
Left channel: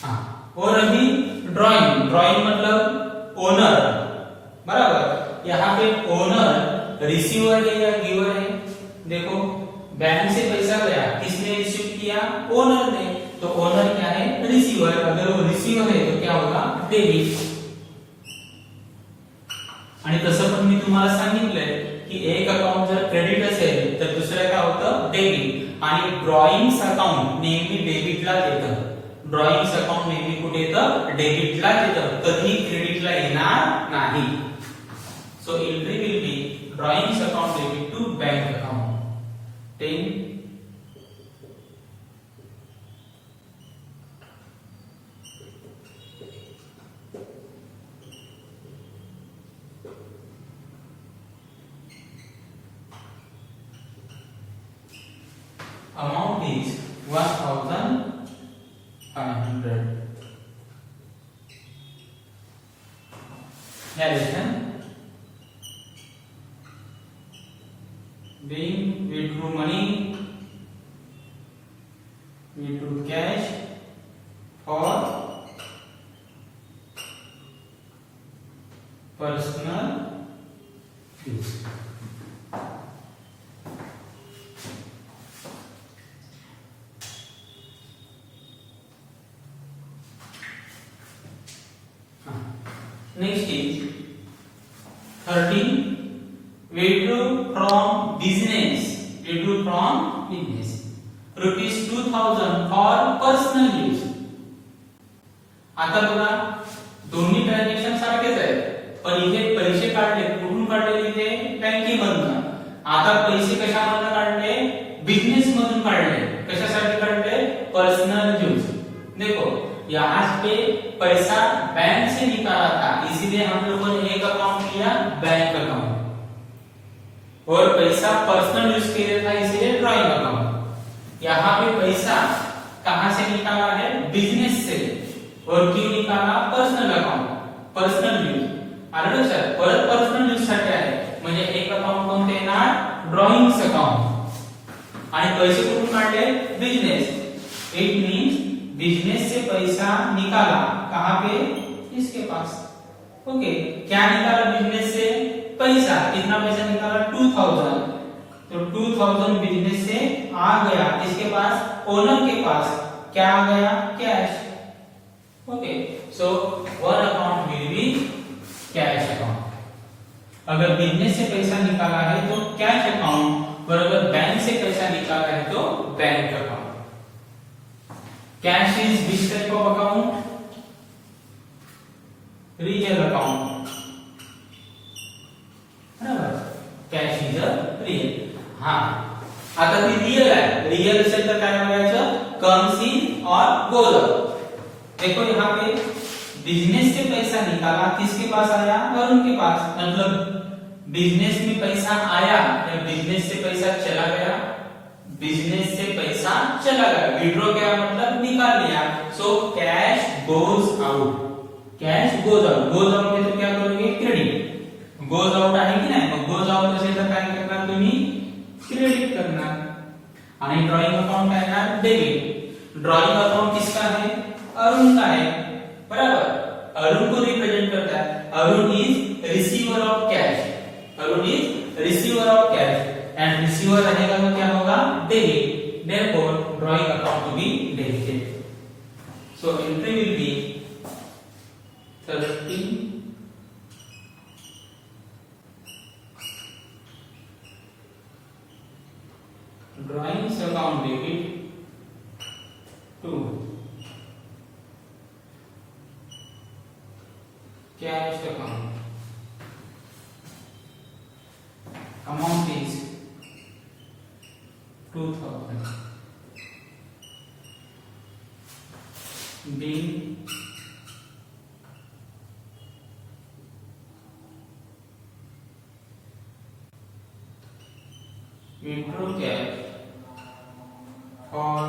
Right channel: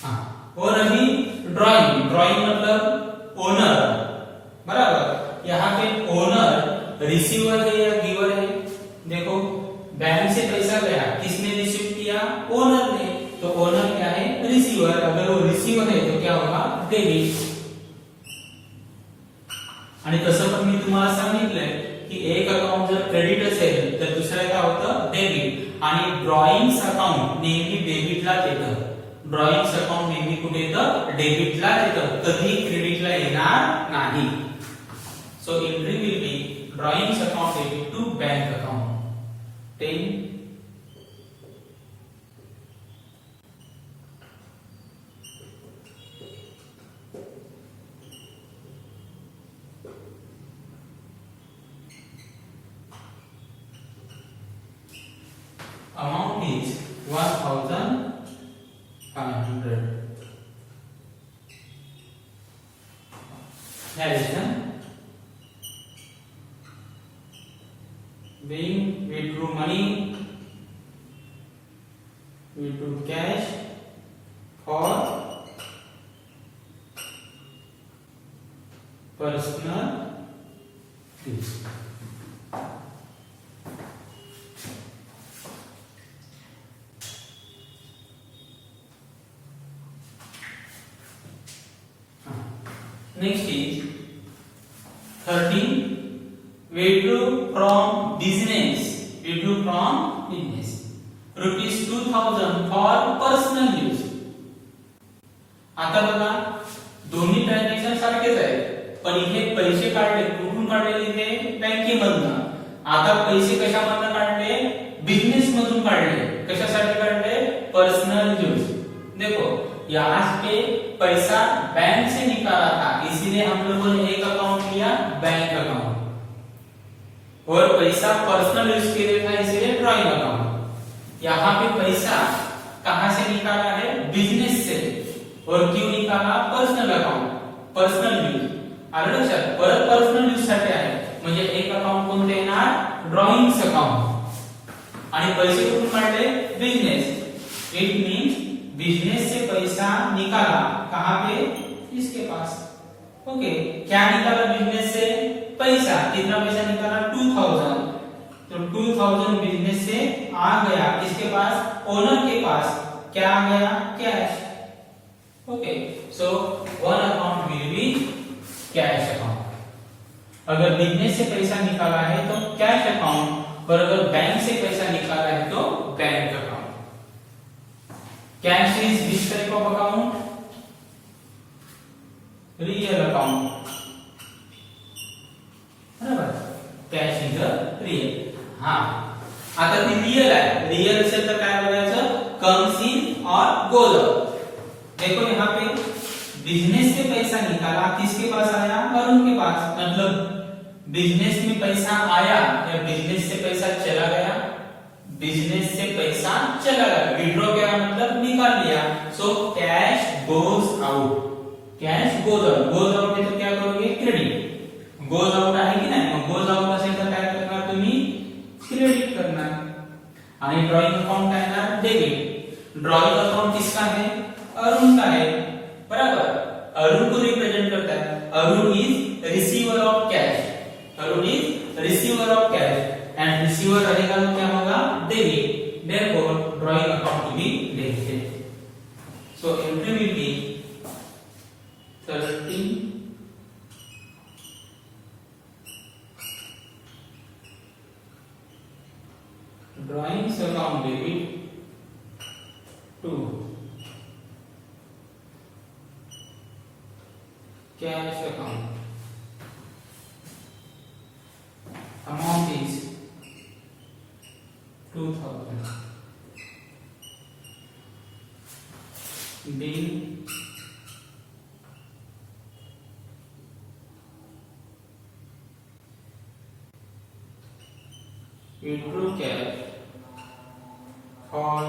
हाँ. और अभी ड्रॉइंग, ड्रॉइंग मतलब ओनर, बराबर. यहाँ पे ओनर रिसीवर है या गिवर है, देखो बैंक से पैसा गया, किसने रिसीव किया, ओनर ने, तो ओनर क्या है, रिसीवर. अगर वो रिसीवर है तो क्या होगा, डेबिट. आणि तसं पण मी तुम्हाला सांगितलंय की एक अकाउंट जर क्रेडिट असेल तर दुसरं काय होतं डेबिट, आणि ड्रॉइंग्स अकाउंट नेहमी डेबिटला येतं. ड्रॉइंग्स अकाउंट नेहमी कुठे येतं? डेबिटला येतं, कधी क्रेडिटला येणार नाही. So entry will be drawings account debit to bank account. 10 amount is 1500. Narration being withdrew money, withdrew cash for personal use. Next is 13. Withdrew from business. Withdrew from business. Rupees 2000 for personal use. आता बघा दोन्ही transaction सारखेच आहेत, पण इथे पैसे काढले कुठून काढले? ते बँकेमधून. आता पैसे कशामधून काढले? बिझनेस मधून काढले. कशासाठी काढले? Personal use. देखो यहाँ पे पैसा बैंक से निकाला था, इसीलिए हम लोगों ने एक अकाउंट लिया बैंक अकाउंट, और पैसा पर्सनल यूज के लिए था इसीलिए ड्रॉइंग अकाउंट. यहाँ पे पैसा कहां से निकाला है? बिजनेस से. और क्यों निकाला? Personal account, personal use. आलं लक्षात? परत पर्सनल यूज साठी आहे, म्हणजे एक अकाउंट कोणते येणार? Drawings account. आणि पैसे कुठून काढले? बिजनेस. इट मीन्स बिजनेस से पैसा निकाला, कहां पे? इसके पास. ओके, क्या निकाला बिजनेस से? पैसा. कितना पैसा निकाला? 2000. तो 2000 बिजनेस से आ गया इसके पास, ओनर के पास. क्या आ गया? Cash. Okay, so one account will be cash account. अगर बिजनेस से पैसा निकाला है तो कैश अकाउंट, और अगर बैंक से पैसा निकाला है तो bank account. Cash is which type of account? Real account. बराबर. Cash is a real. हाँ. आता ती रियल आहे. रियल असेल तर काय बोलायचं? comes in और goes out. देखो यहाँ पे बिजनेस से पैसा निकाला, किसके पास आया? अरुण के पास. मतलब बिजनेस में पैसा आया या बिजनेस से पैसा चला गया? बिजनेस से पैसा चला गया. विड्रॉ क्या मतलब? निकाल लिया. So cash goes out. Cash goes out. Goes out में तो क्या करोगे? क्रेडिट. गोज आउट आहे की नाही? मग गोज आउट असेल तर काय करणार तुम्ही? क्रेडिट करणार. आणि ड्रॉइंग अकाउंट काय आहे? डेबिट. ड्रॉइंग अकाउंट किसका है? अरुण का है. बराबर. अरुण को रिप्रेजेंट करता है. Arun is receiver of cash. Arun is receiver of cash. And receiver रहेगा तो क्या होगा? Debit. Therefore, drawing account to be debited. So entry will be 13. Drawing account debit to cash account. Amount is 2000. Being withdraw cash for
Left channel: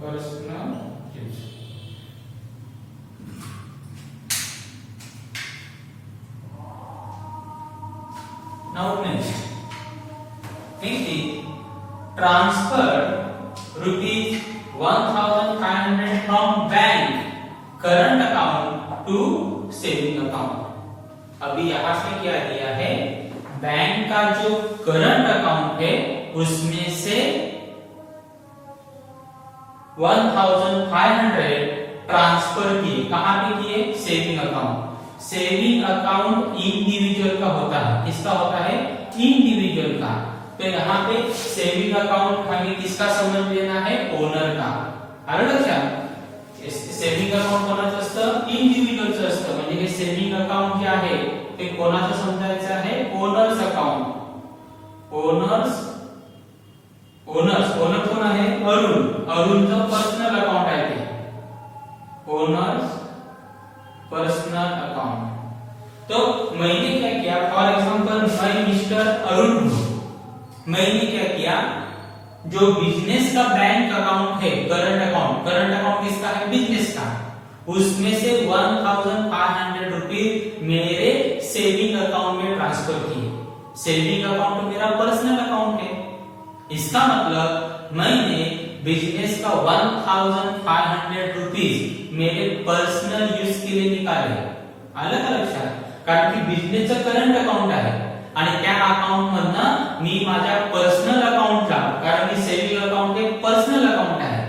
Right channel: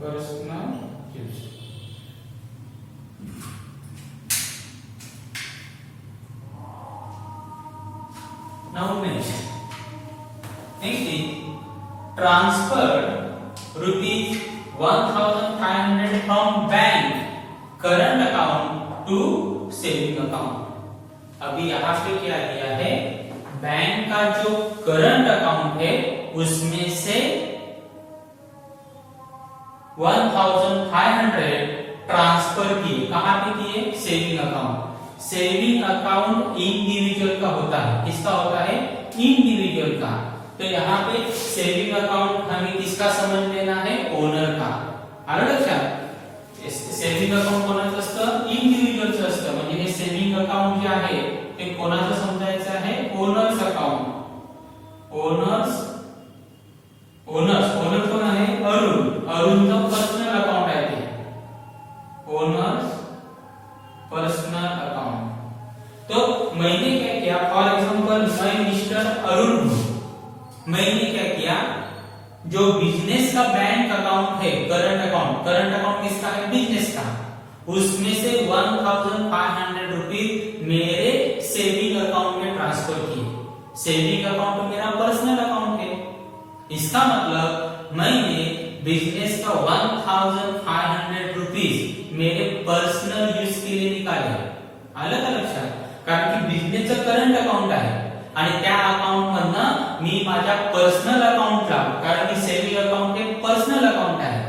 personal use. Now next, transferred rupees 1500 from bank current account to saving account. अभी यहाँ पे क्या किया है? Bank का जो current account है उसमें से 1500 ट्रांसफर किए. कहां पे किए? Saving account. Saving account individual का होता है। किसका होता है? इंडिविजुअल का। तो यहाँ पे सेविंग अकाउंट हमें किसका समझ लेना है? ओनर का। आलं लक्षात? सेविंग अकाउंट कोणाचं असतं? इंडिव्हिज्युअलचं असतं। म्हणजे हे सेविंग अकाउंट जे आहे ते कोणाचं समजायचं आहे? Owners account. ओनर कोण आहे? अरुण। अरुणचं पर्सनल अकाउंट आहे ते ओनर्स पर्सनल अकाउंट। तो मैंने क्या किया, फॉर एग्जांपल मैं मिस्टर अरुण हूं, मैंने क्या किया, जो बिजनेस का बैंक अकाउंट है, करंट अकाउंट किसका है? बिजनेस का, उसमें से 1500 रुपीज मेरे सेविंग अकाउंट में ट्रांसफर किए। सेविंग अकाउंट मेरा पर्सनल अकाउंट है, इसका मतलब मैंने बिजनेस का 1500 रुपीज मेरे पर्सनल यूज के लिए निकाले। आलं का लक्षात? कारण की बिझनेसचं करंट अकाउंट आहे आणि त्या अकाउंट मधनं मी माझ्या पर्सनल अकाउंटला, कारण की सेविंग अकाउंट हे पर्सनल अकाउंट आहे,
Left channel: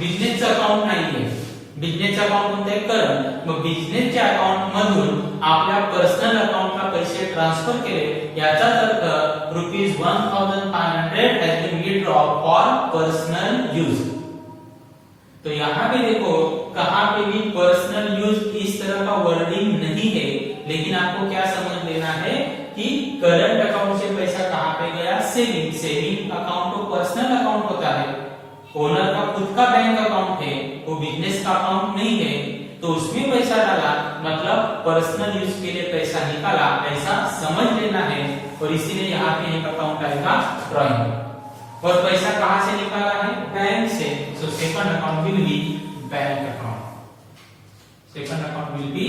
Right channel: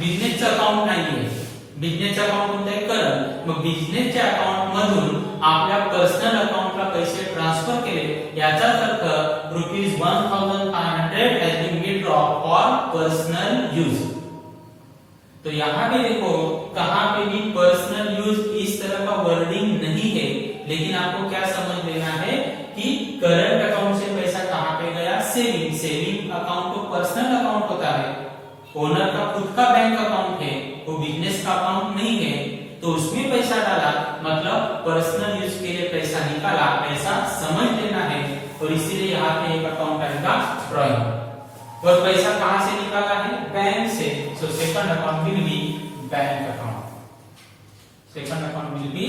बिझनेसचं अकाउंट नाहीये। बिझनेसचं अकाउंट कोणतं आहे? करंट। मग बिझनेसच्या अकाउंट मधून आपल्या पर्सनल अकाउंटला पैसे ट्रान्सफर केले, याचाच अर्थ ₹1500 has been withdrawn for personal use। तो यहाँ पे देखो, कहां पे भी पर्सनल यूज इस तरह का वर्डिंग नहीं है, लेकिन आपको क्या समझ लेना है कि करंट अकाउंट से पैसा कहां पे गया? सेविंग अकाउंट तो पर्सनल अकाउंट होता है, ओनर का खुद का बैंक अकाउंट है, वो बिजनेस का अकाउंट नहीं है, तो उसमें पैसा डाला, मतलब पर्सनल यूज के लिए पैसा निकाला, ऐसा समझ लेना है। और इसीलिए यहाँ पे एक अकाउंट आएगा ड्रॉइंग। और पैसा कहां से निकाला है? बैंक से। So second account will be bank account. Second account will be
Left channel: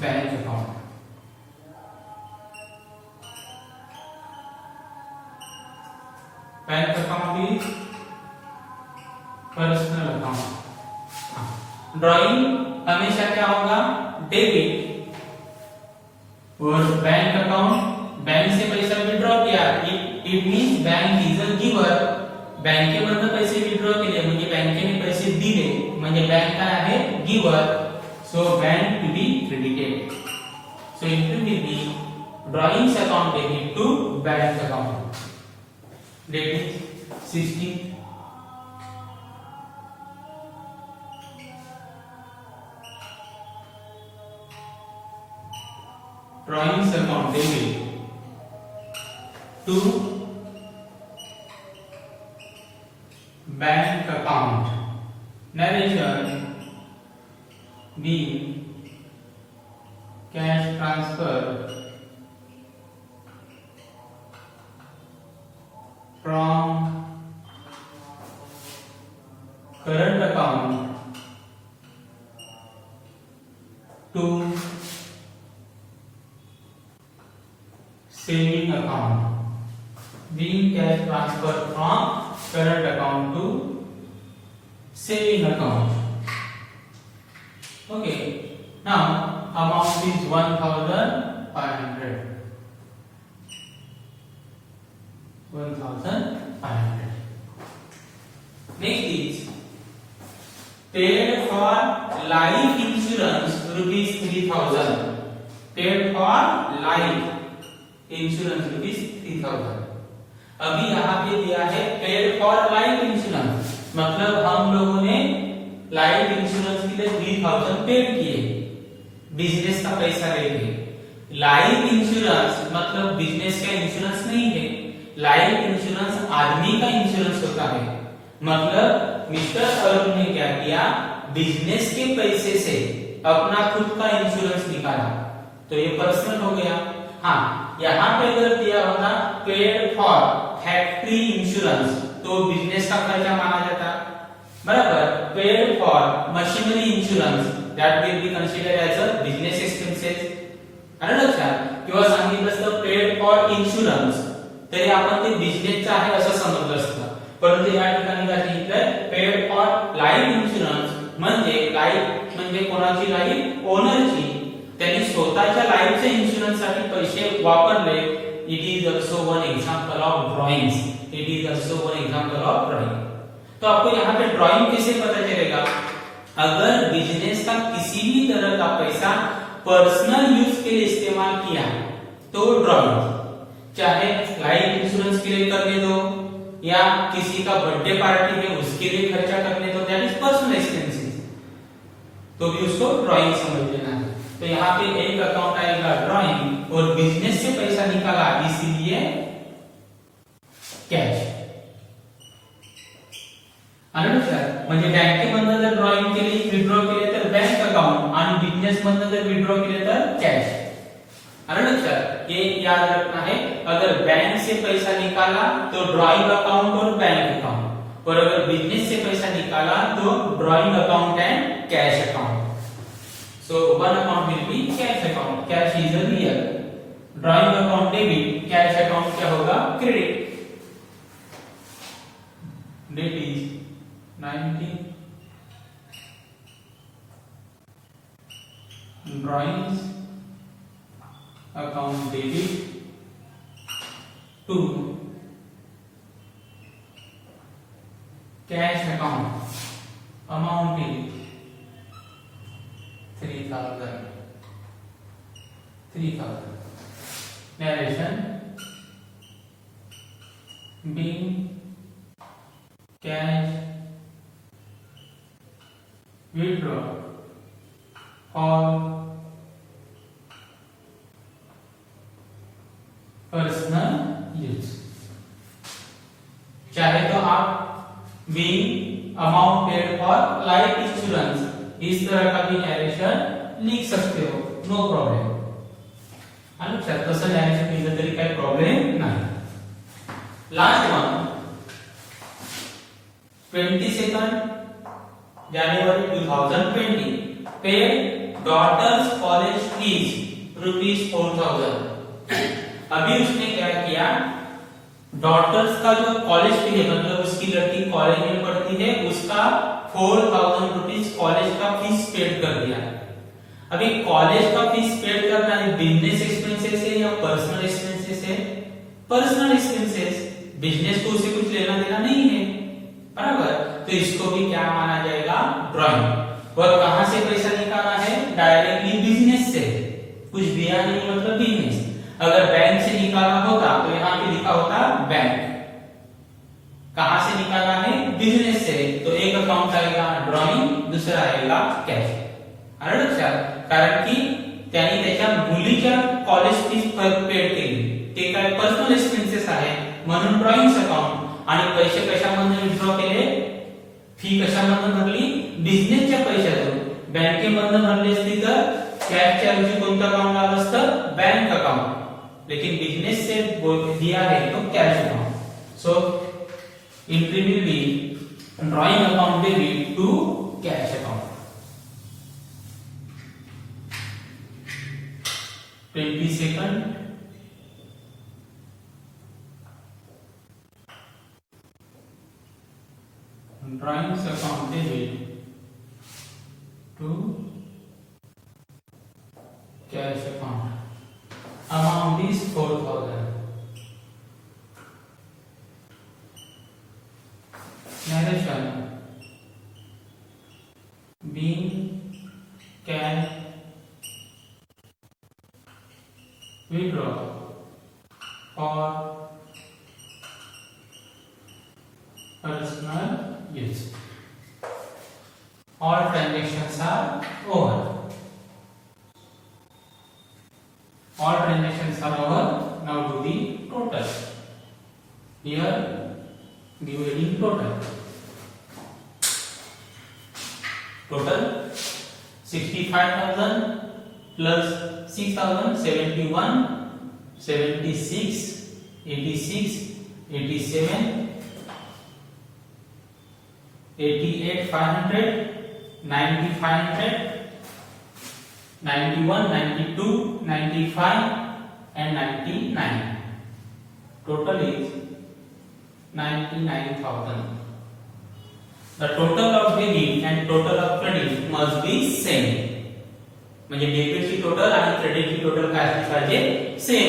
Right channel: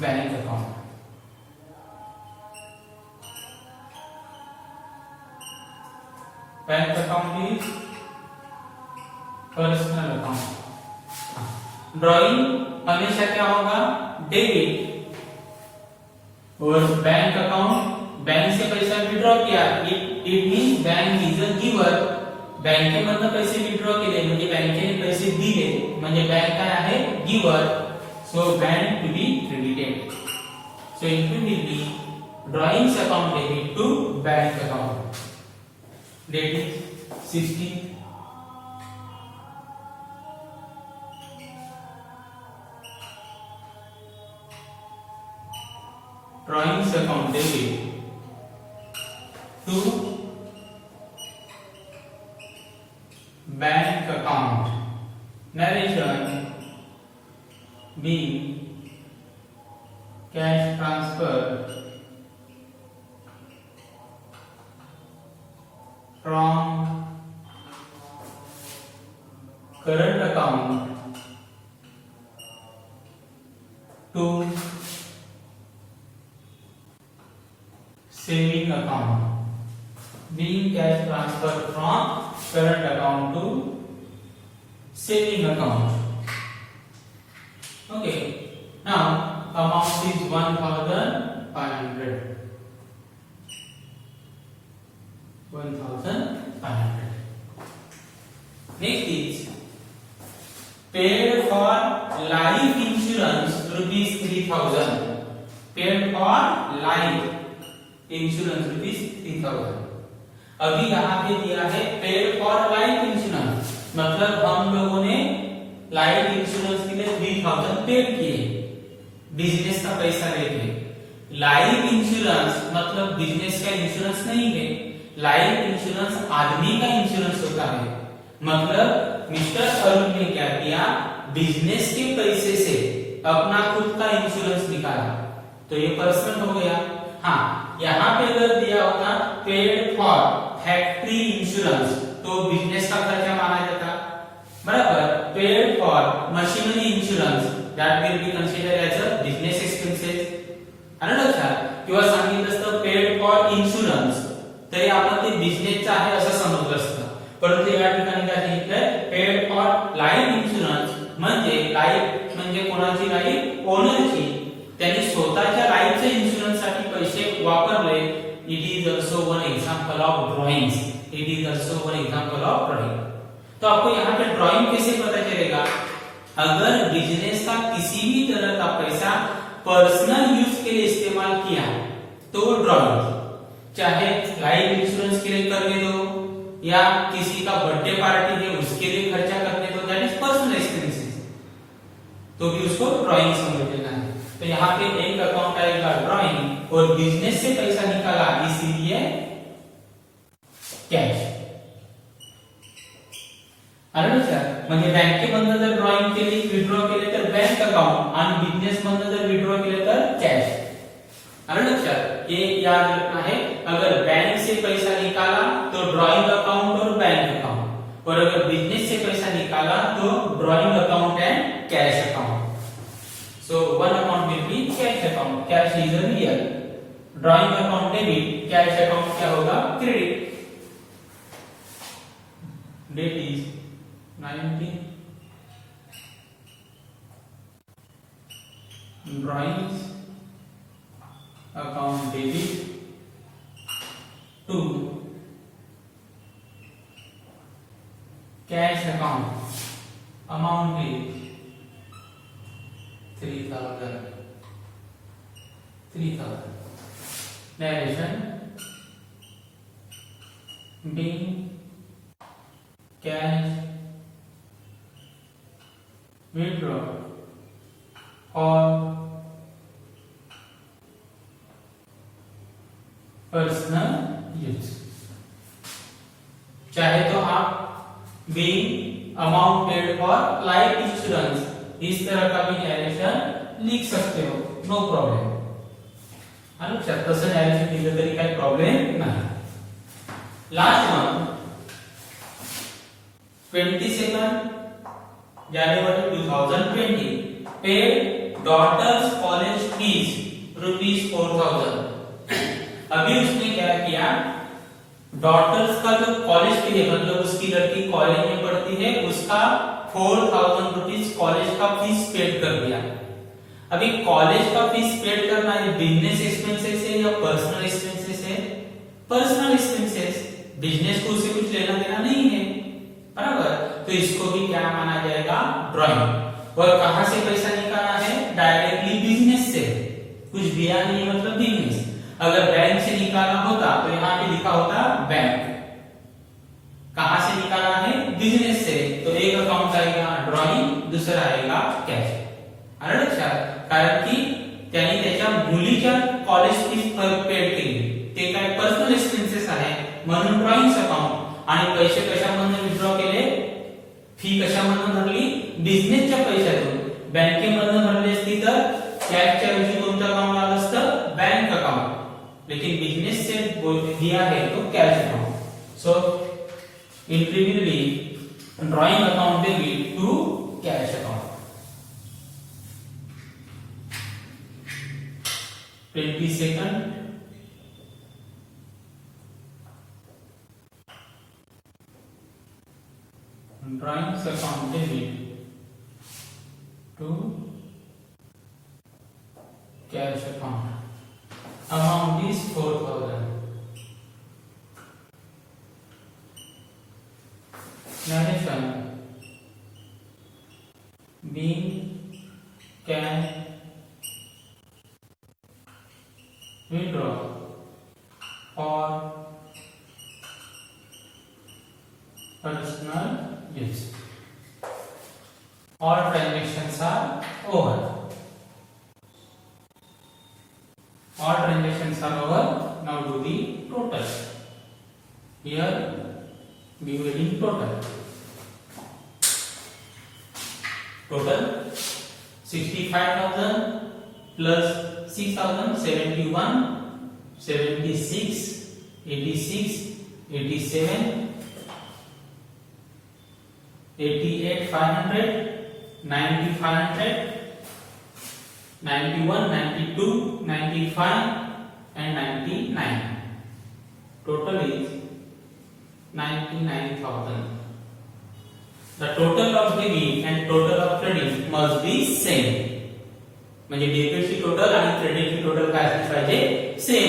bank account. Bank account is personal account. Drawing हमेशा क्या होगा? डेबिट। और बैंक अकाउंट, बैंक से पैसा विड्रॉ किया, it means bank is a giver. बँकेमधनं पैसे विड्रॉ केले म्हणजे बँकेने पैसे दिले, म्हणजे बँक काय आहे? Giver. So bank to be credited. So it will be drawings account debit to bank account. Date is 16। Drawings account debit to bank account. Narration be cash transfer from current account to saving account, being cash transfer from current account to saving account। Okay, now amount is 1500। 1500। Next is paid for life insurance ₹3000। paid for life insurance ₹3000। अभी यहाँ पे दिया है paid for life insurance, मतलब हम लोगों ने life insurance के लिए 3000 पेड किए बिजनेस का पैसा लेके। लाइफ इंश्योरेंस मतलब बिजनेस का इंश्योरेंस नहीं है, लाइफ इंश्योरेंस आदमी का इंश्योरेंस होता है। मतलब मिस्टर अरुण ने क्या किया? बिजनेस के पैसे से अपना खुद का इंश्योरेंस निकाला, तो ये पर्सनल हो गया। हाँ, यहाँ पे अगर दिया होगा पेड फॉर फैक्ट्री इंश्योरेंस, तो बिजनेस का खर्चा माना जाता, बराबर। Paid for machinery insurance, that will be considered as a business expenses. आलं लक्षात? किंवा सांगितलं असतं पेड फॉर इन्शुरन्स, तरी आपण ते बिजनेसचं आहे असं समजलं असतं, परंतु या ठिकाणी काय सांगितलंय? पेड फॉर लाईफ इन्शुरन्स, म्हणजे लाईफ म्हणजे कोणाची लाईफ? ओनरची। त्यांनी स्वतःच्या लाईफचे इन्शुरन्स साठी पैसे वापरले। It is also one example of drawings. It is also one example of drawing. तो आपको यहाँ पे ड्राइंग कैसे पता चलेगा? अगर बिजनेस का किसी भी तरह का पैसा पर्सनल यूज के लिए इस्तेमाल किया तो ड्रॉइंग, चाहे लाइफ इंश्योरेंस के लिए करने दो या किसी का बर्थडे पार्टी है उसके लिए खर्चा करने दो, दैट इज पर्सनल एक्सपेंसेस, तो भी उसको ड्रॉइंग समझ लेना है। तो यहाँ पे एक अकाउंट आएगा ड्रॉइंग और बिजनेस से पैसा निकाला इसीलिए कॅश। आलं सर, म्हणजे बँकेमधनं जर ड्रॉइंग केली विथड्रॉ केले तर बँक अकाउंट आणि बिजनेस मधनं जर विथड्रॉ केले तर कॅश। आलं सर, ये याद रखना है। अगर बैंक से पैसा निकाला तो ड्रॉइंग अकाउंट और बैंक अकाउंट, और अगर बिजनेस से पैसा निकाला तो drawing account and cash account. So one amount will be cash account. Cash is a real. Drawing account debit, cash account क्या होगा? Credit. Date is 19. Drawings account debit to cash account. Amount is 3,000. Narration: being cash withdraw or personal use. चाहे तो आप being amount paid for life insurance इस तरह का भी narration लिख सकते हो, नो प्रॉब्लेम। तसं नरेशन लिहिलं तरी काही प्रॉब्लेम नाही। Last one 22 January 2020 paid daughter's college fees ₹4,000। अभी उसने क्या किया, डॉटर्स का जो कॉलेज फी है, मतलब उसकी लड़की कॉलेज में पढ़ती है, उसका 4,000 रुपीज कॉलेज का फीस पेड कर दिया। अभी कॉलेज का फीस पेड करना है बिजनेस एक्सपेंसेस है या पर्सनल एक्सपेंसेस है? Personal expenses. बिजनेस को उससे कुछ लेना देना नहीं है, बराबर। तो इसको भी क्या माना जाएगा? ड्रॉइंग। और कहां से पैसा निकालना है? डायरेक्टली बिजनेस से, कुछ दिया नहीं मतलब बिजनेस। अगर बैंक से निकाला होता तो यहाँ पे लिखा होता बैंक। कहां से निकाला है? बिजनेस से। तो एक अकाउंट आएगा ड्रॉइंग, दूसरा आएगा कॅश। आलं लक्षात? कारण की त्यांनी त्याच्या मुलीच्या कॉलेज फीस पेड केली, ते काय पर्सनल एक्सपेन्सेस आहे म्हणून ड्रॉइंग अकाउंट। आणि पैसे कशामधून विथड्रॉ केले? फी कशामधून भरली? बिझनेसच्या पैशातून। बँकेमधून भरली असती तर कॅशच्या ऐवजी कोणतं अकाउंट आलं असतं? Bank account. लेकिन बिजनेस से दिया है तो cash account. So entry will be drawing account debit to cash account. 22 drawing account debit to cash account. Amount is 4,000. Narration: being cash withdraw or personal use. All transactions are over. All transactions are over. Now do the total. Here we will in total. Total 65,000 plus 6,000, 71, 76, 86, 87, 88, 500, 90, 500. 91, 92, 95 and 99. Total is 99,000. The total of debit and total of credit must be same. म्हणजे debit ची total आणि credit ची total काय असली पाहिजे? Same.